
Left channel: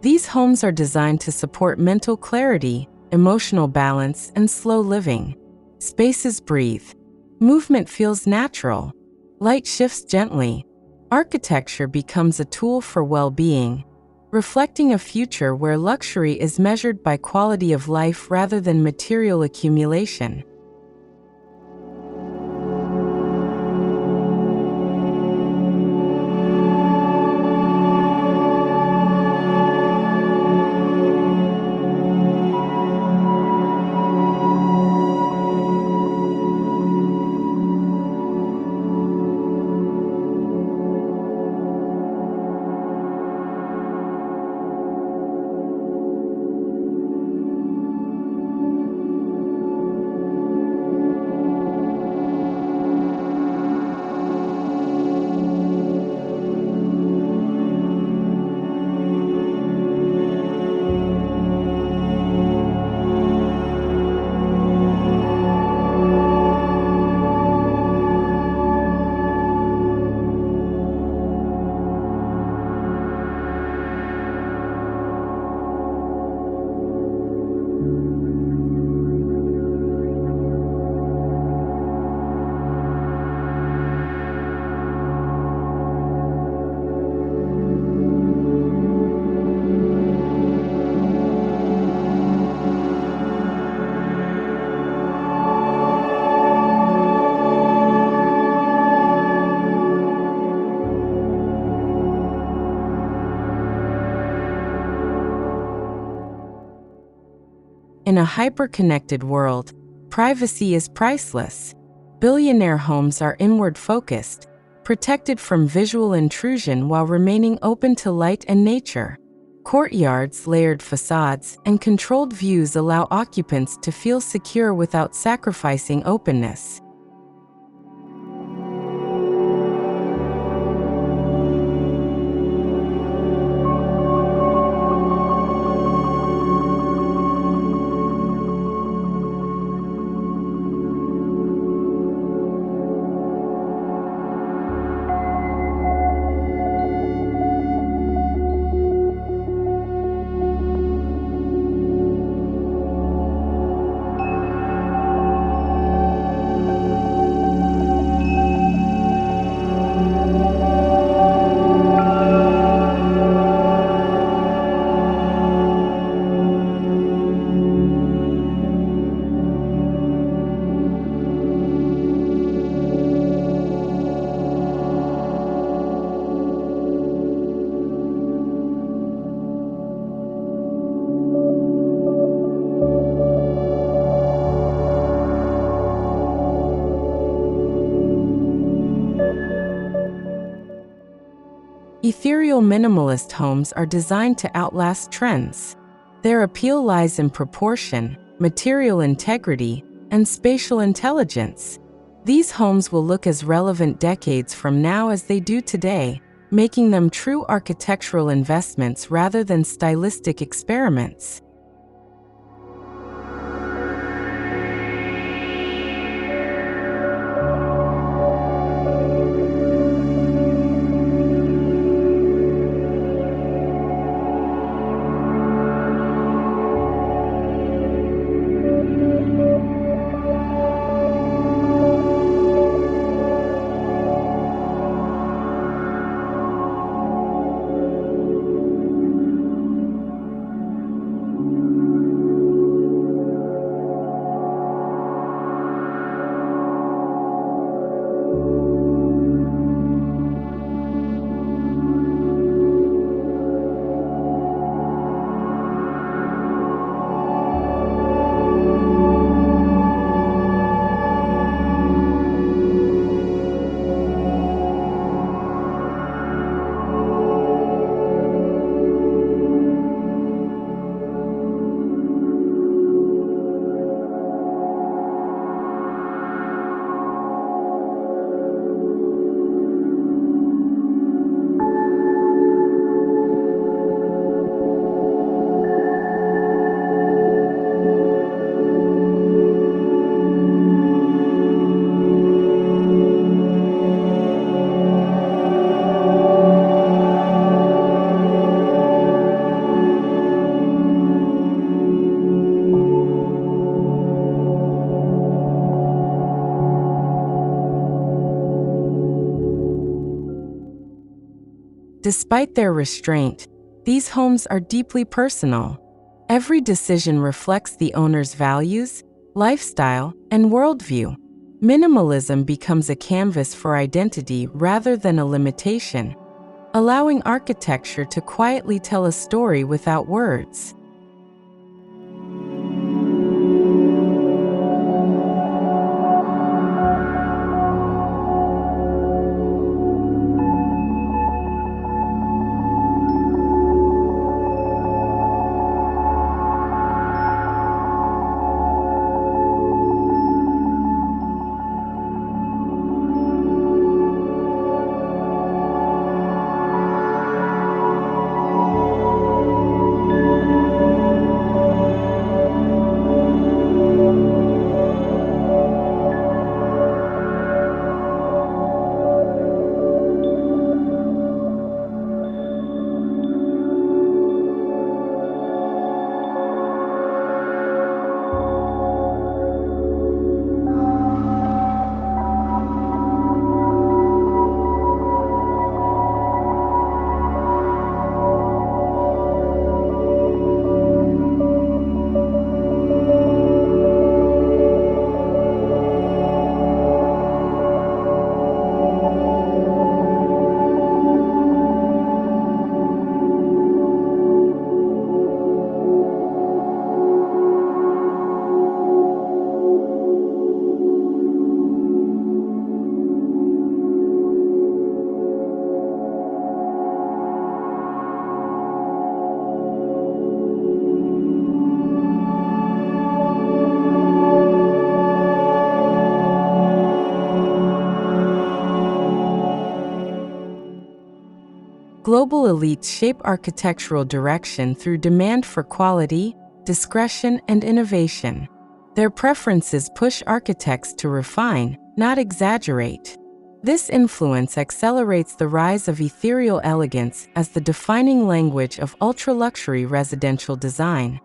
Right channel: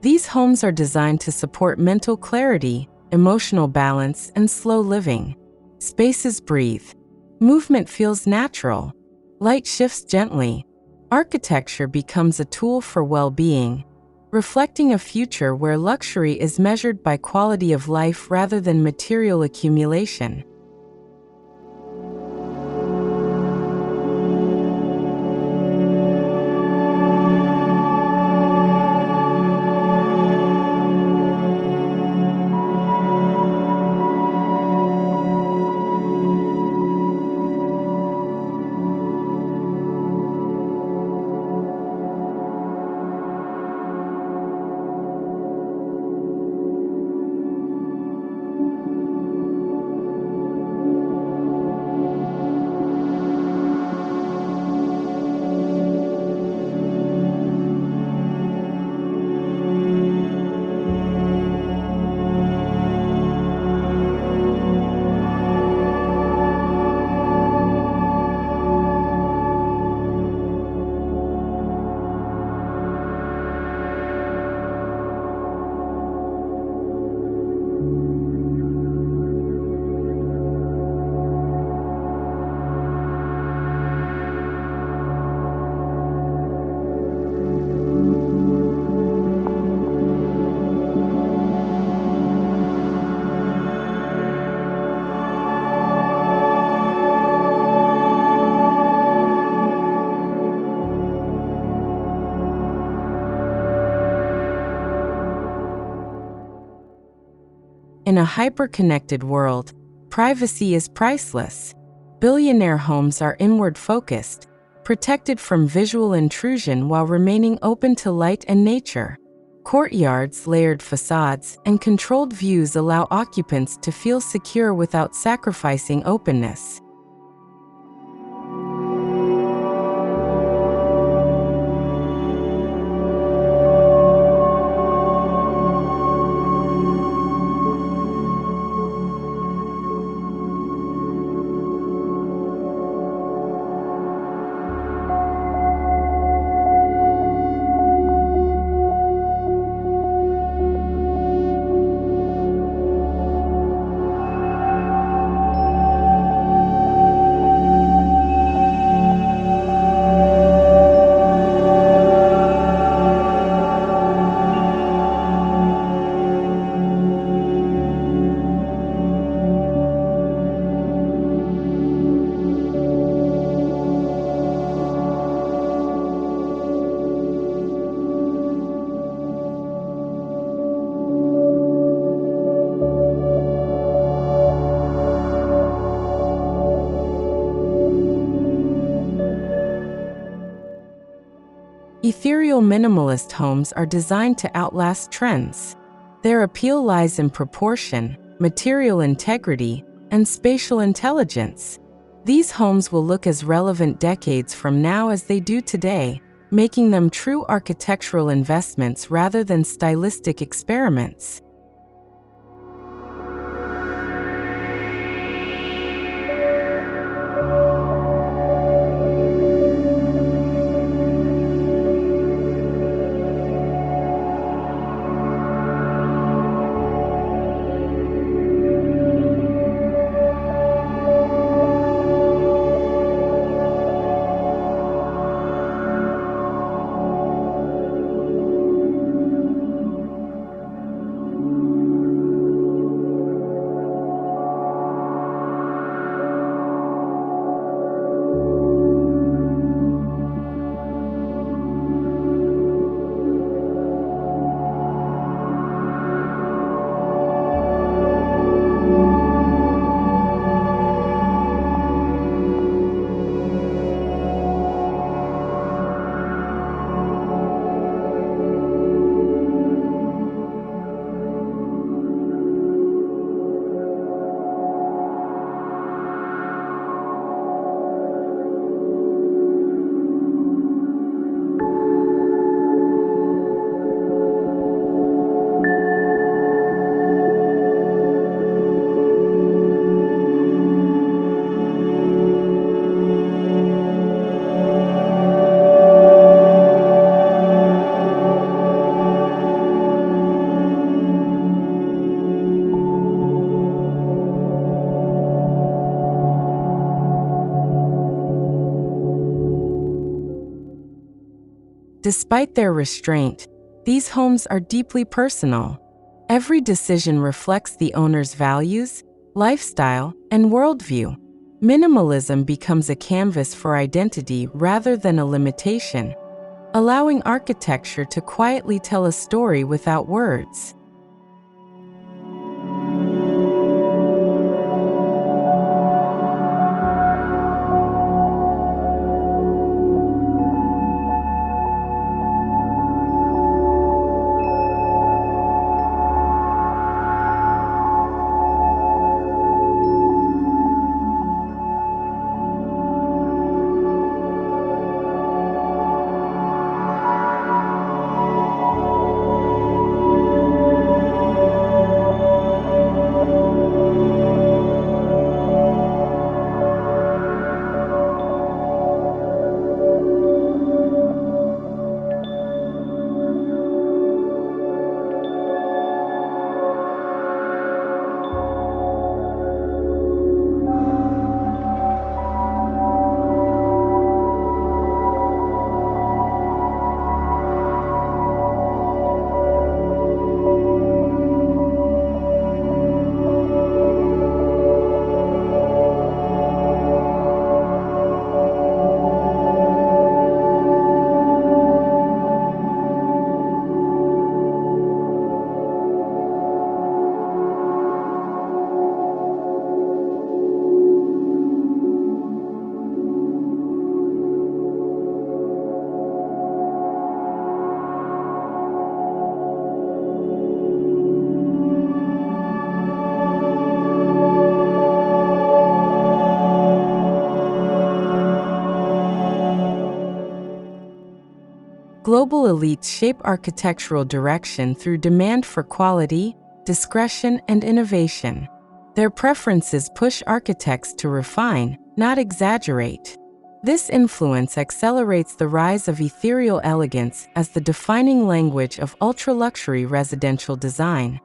These homes are designed to support mental clarity, emotional balance, and slow living. Spaces breathe. Movement feels natural. Light shifts gently. Architecture becomes a tool for well-being, reflecting a future where luxury is measured by quality of life rather than material accumulation. In a hyper-connected world, privacy is priceless. Billionaire homes are inward-focused, protected from visual intrusion while remaining open to light and nature. Courtyards, layered facades, and controlled views allow occupants to feel secure without sacrificing openness. Ethereal minimalist homes are designed to outlast trends. Their appeal lies in proportion, material integrity, and spatial intelligence. These homes will look as relevant decades from now as they do today, making them true architectural investments rather than stylistic experiments. Despite their restraint, these homes are deeply personal. Every decision reflects the owner's values, lifestyle, and worldview. Minimalism becomes a canvas for identity rather than a limitation, allowing architecture to quietly tell a story without words. Global elites shape architectural direction through demand for quality, discretion, and innovation. Their preferences push architects to refine, not exaggerate. This influence accelerates the rise of ethereal elegance as the defining language of ultra-luxury residential design.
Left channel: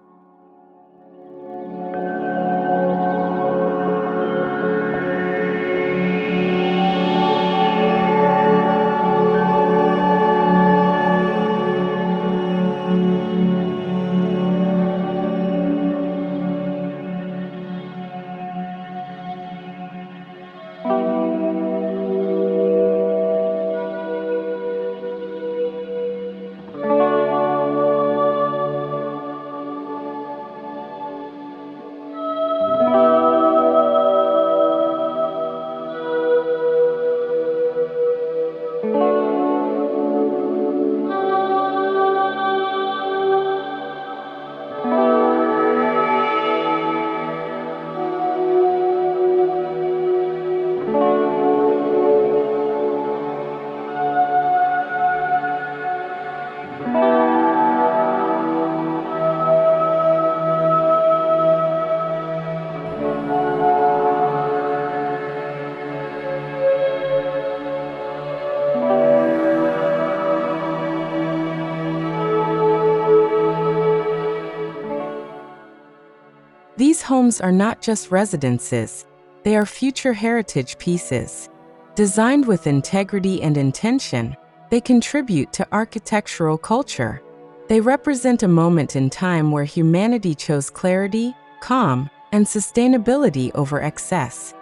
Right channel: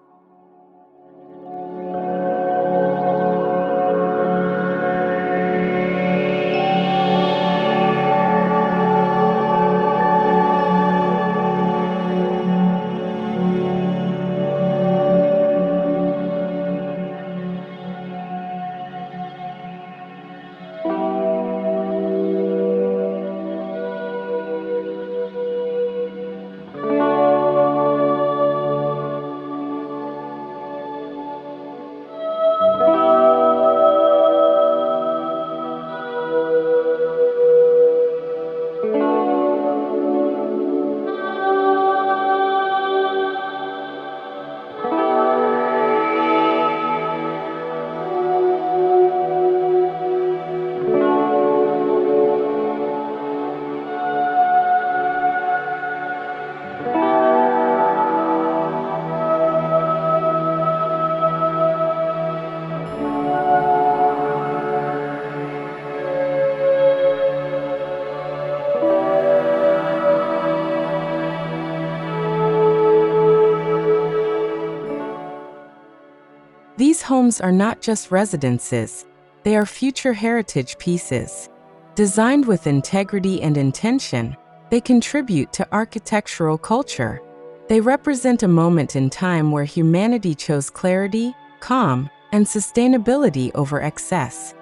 These homes are not just residences, they are future heritage pieces. Designed with integrity and intention, they contribute to architectural culture. They represent a moment in time where humanity chose clarity, calm, and sustainability over excess.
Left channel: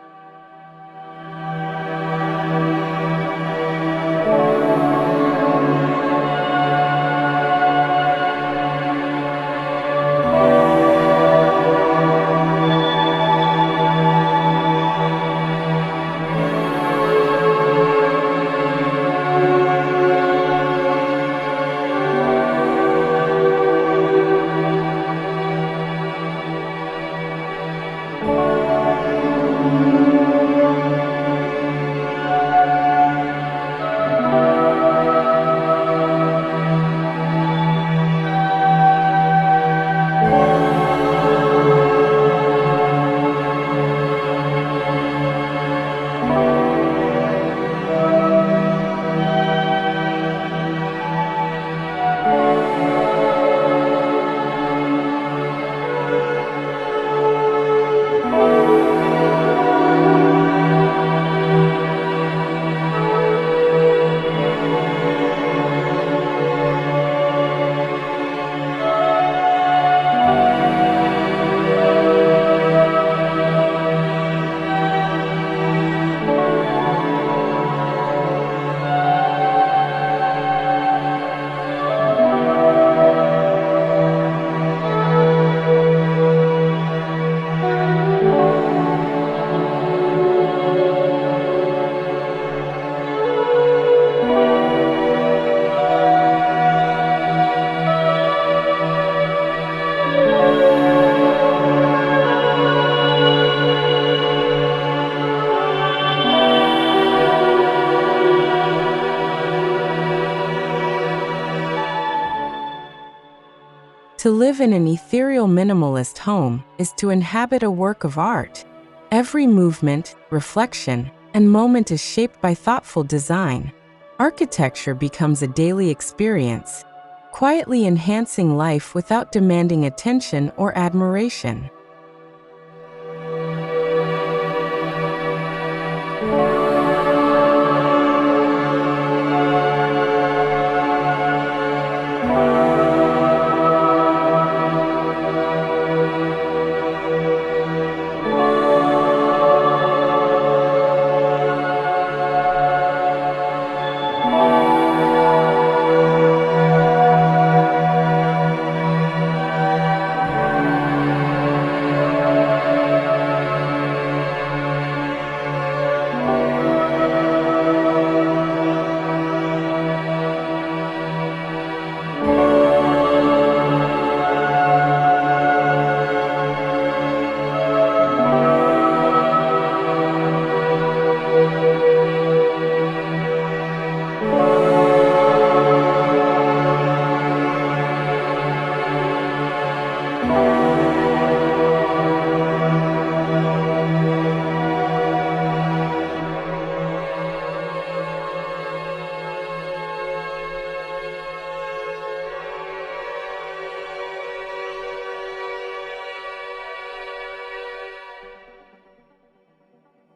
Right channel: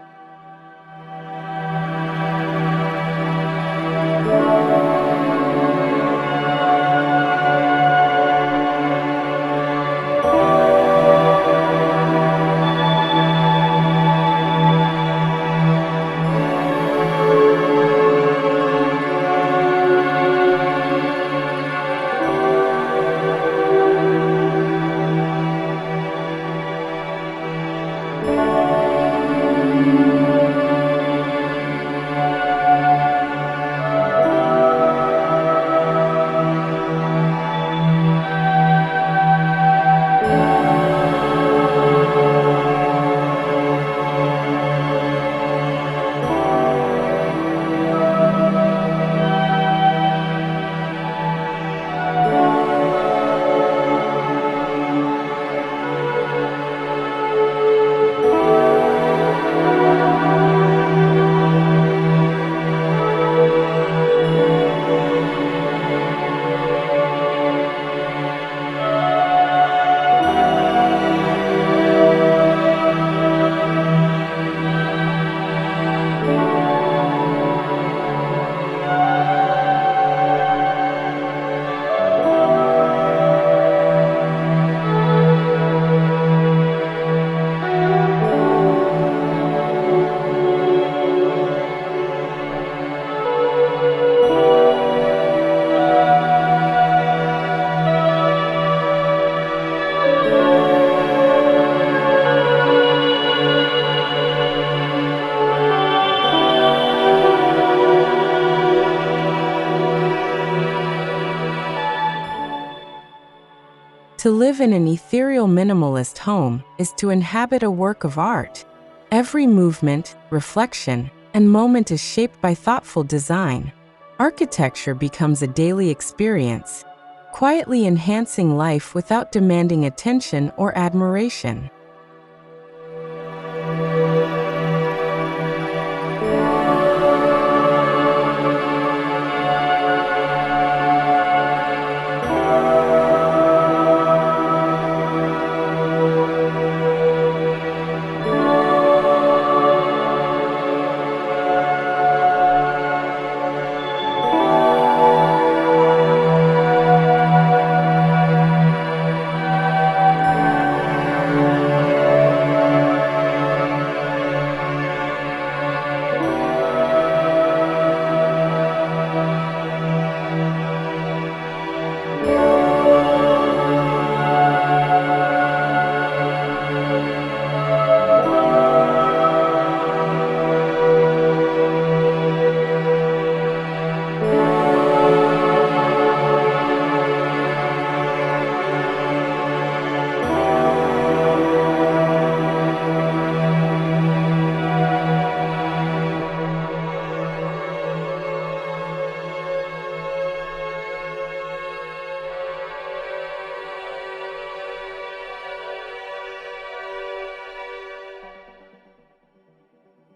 To live in an ethereal minimalist home is to inhabit a work of art. Every movement, reflection, and moment is shaped by thoughtful design. Architecture becomes a daily experience, quietly enhancing life without demanding attention or admiration.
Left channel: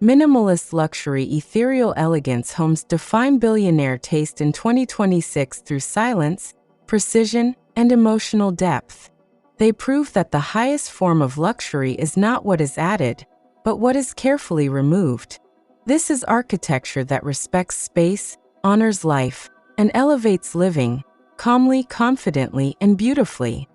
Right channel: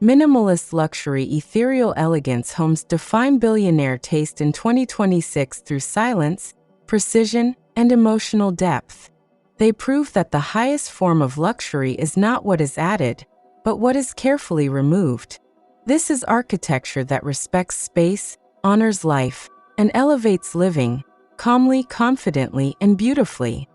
Minimalist luxury Ethereal Elegance homes define billionaire taste in 2026 through silence, precision, and emotional depth. They prove that the highest form of luxury is not what is added, but what is carefully removed. This is architecture that respects space, honors life, and elevates living, calmly, confidently, and beautifully.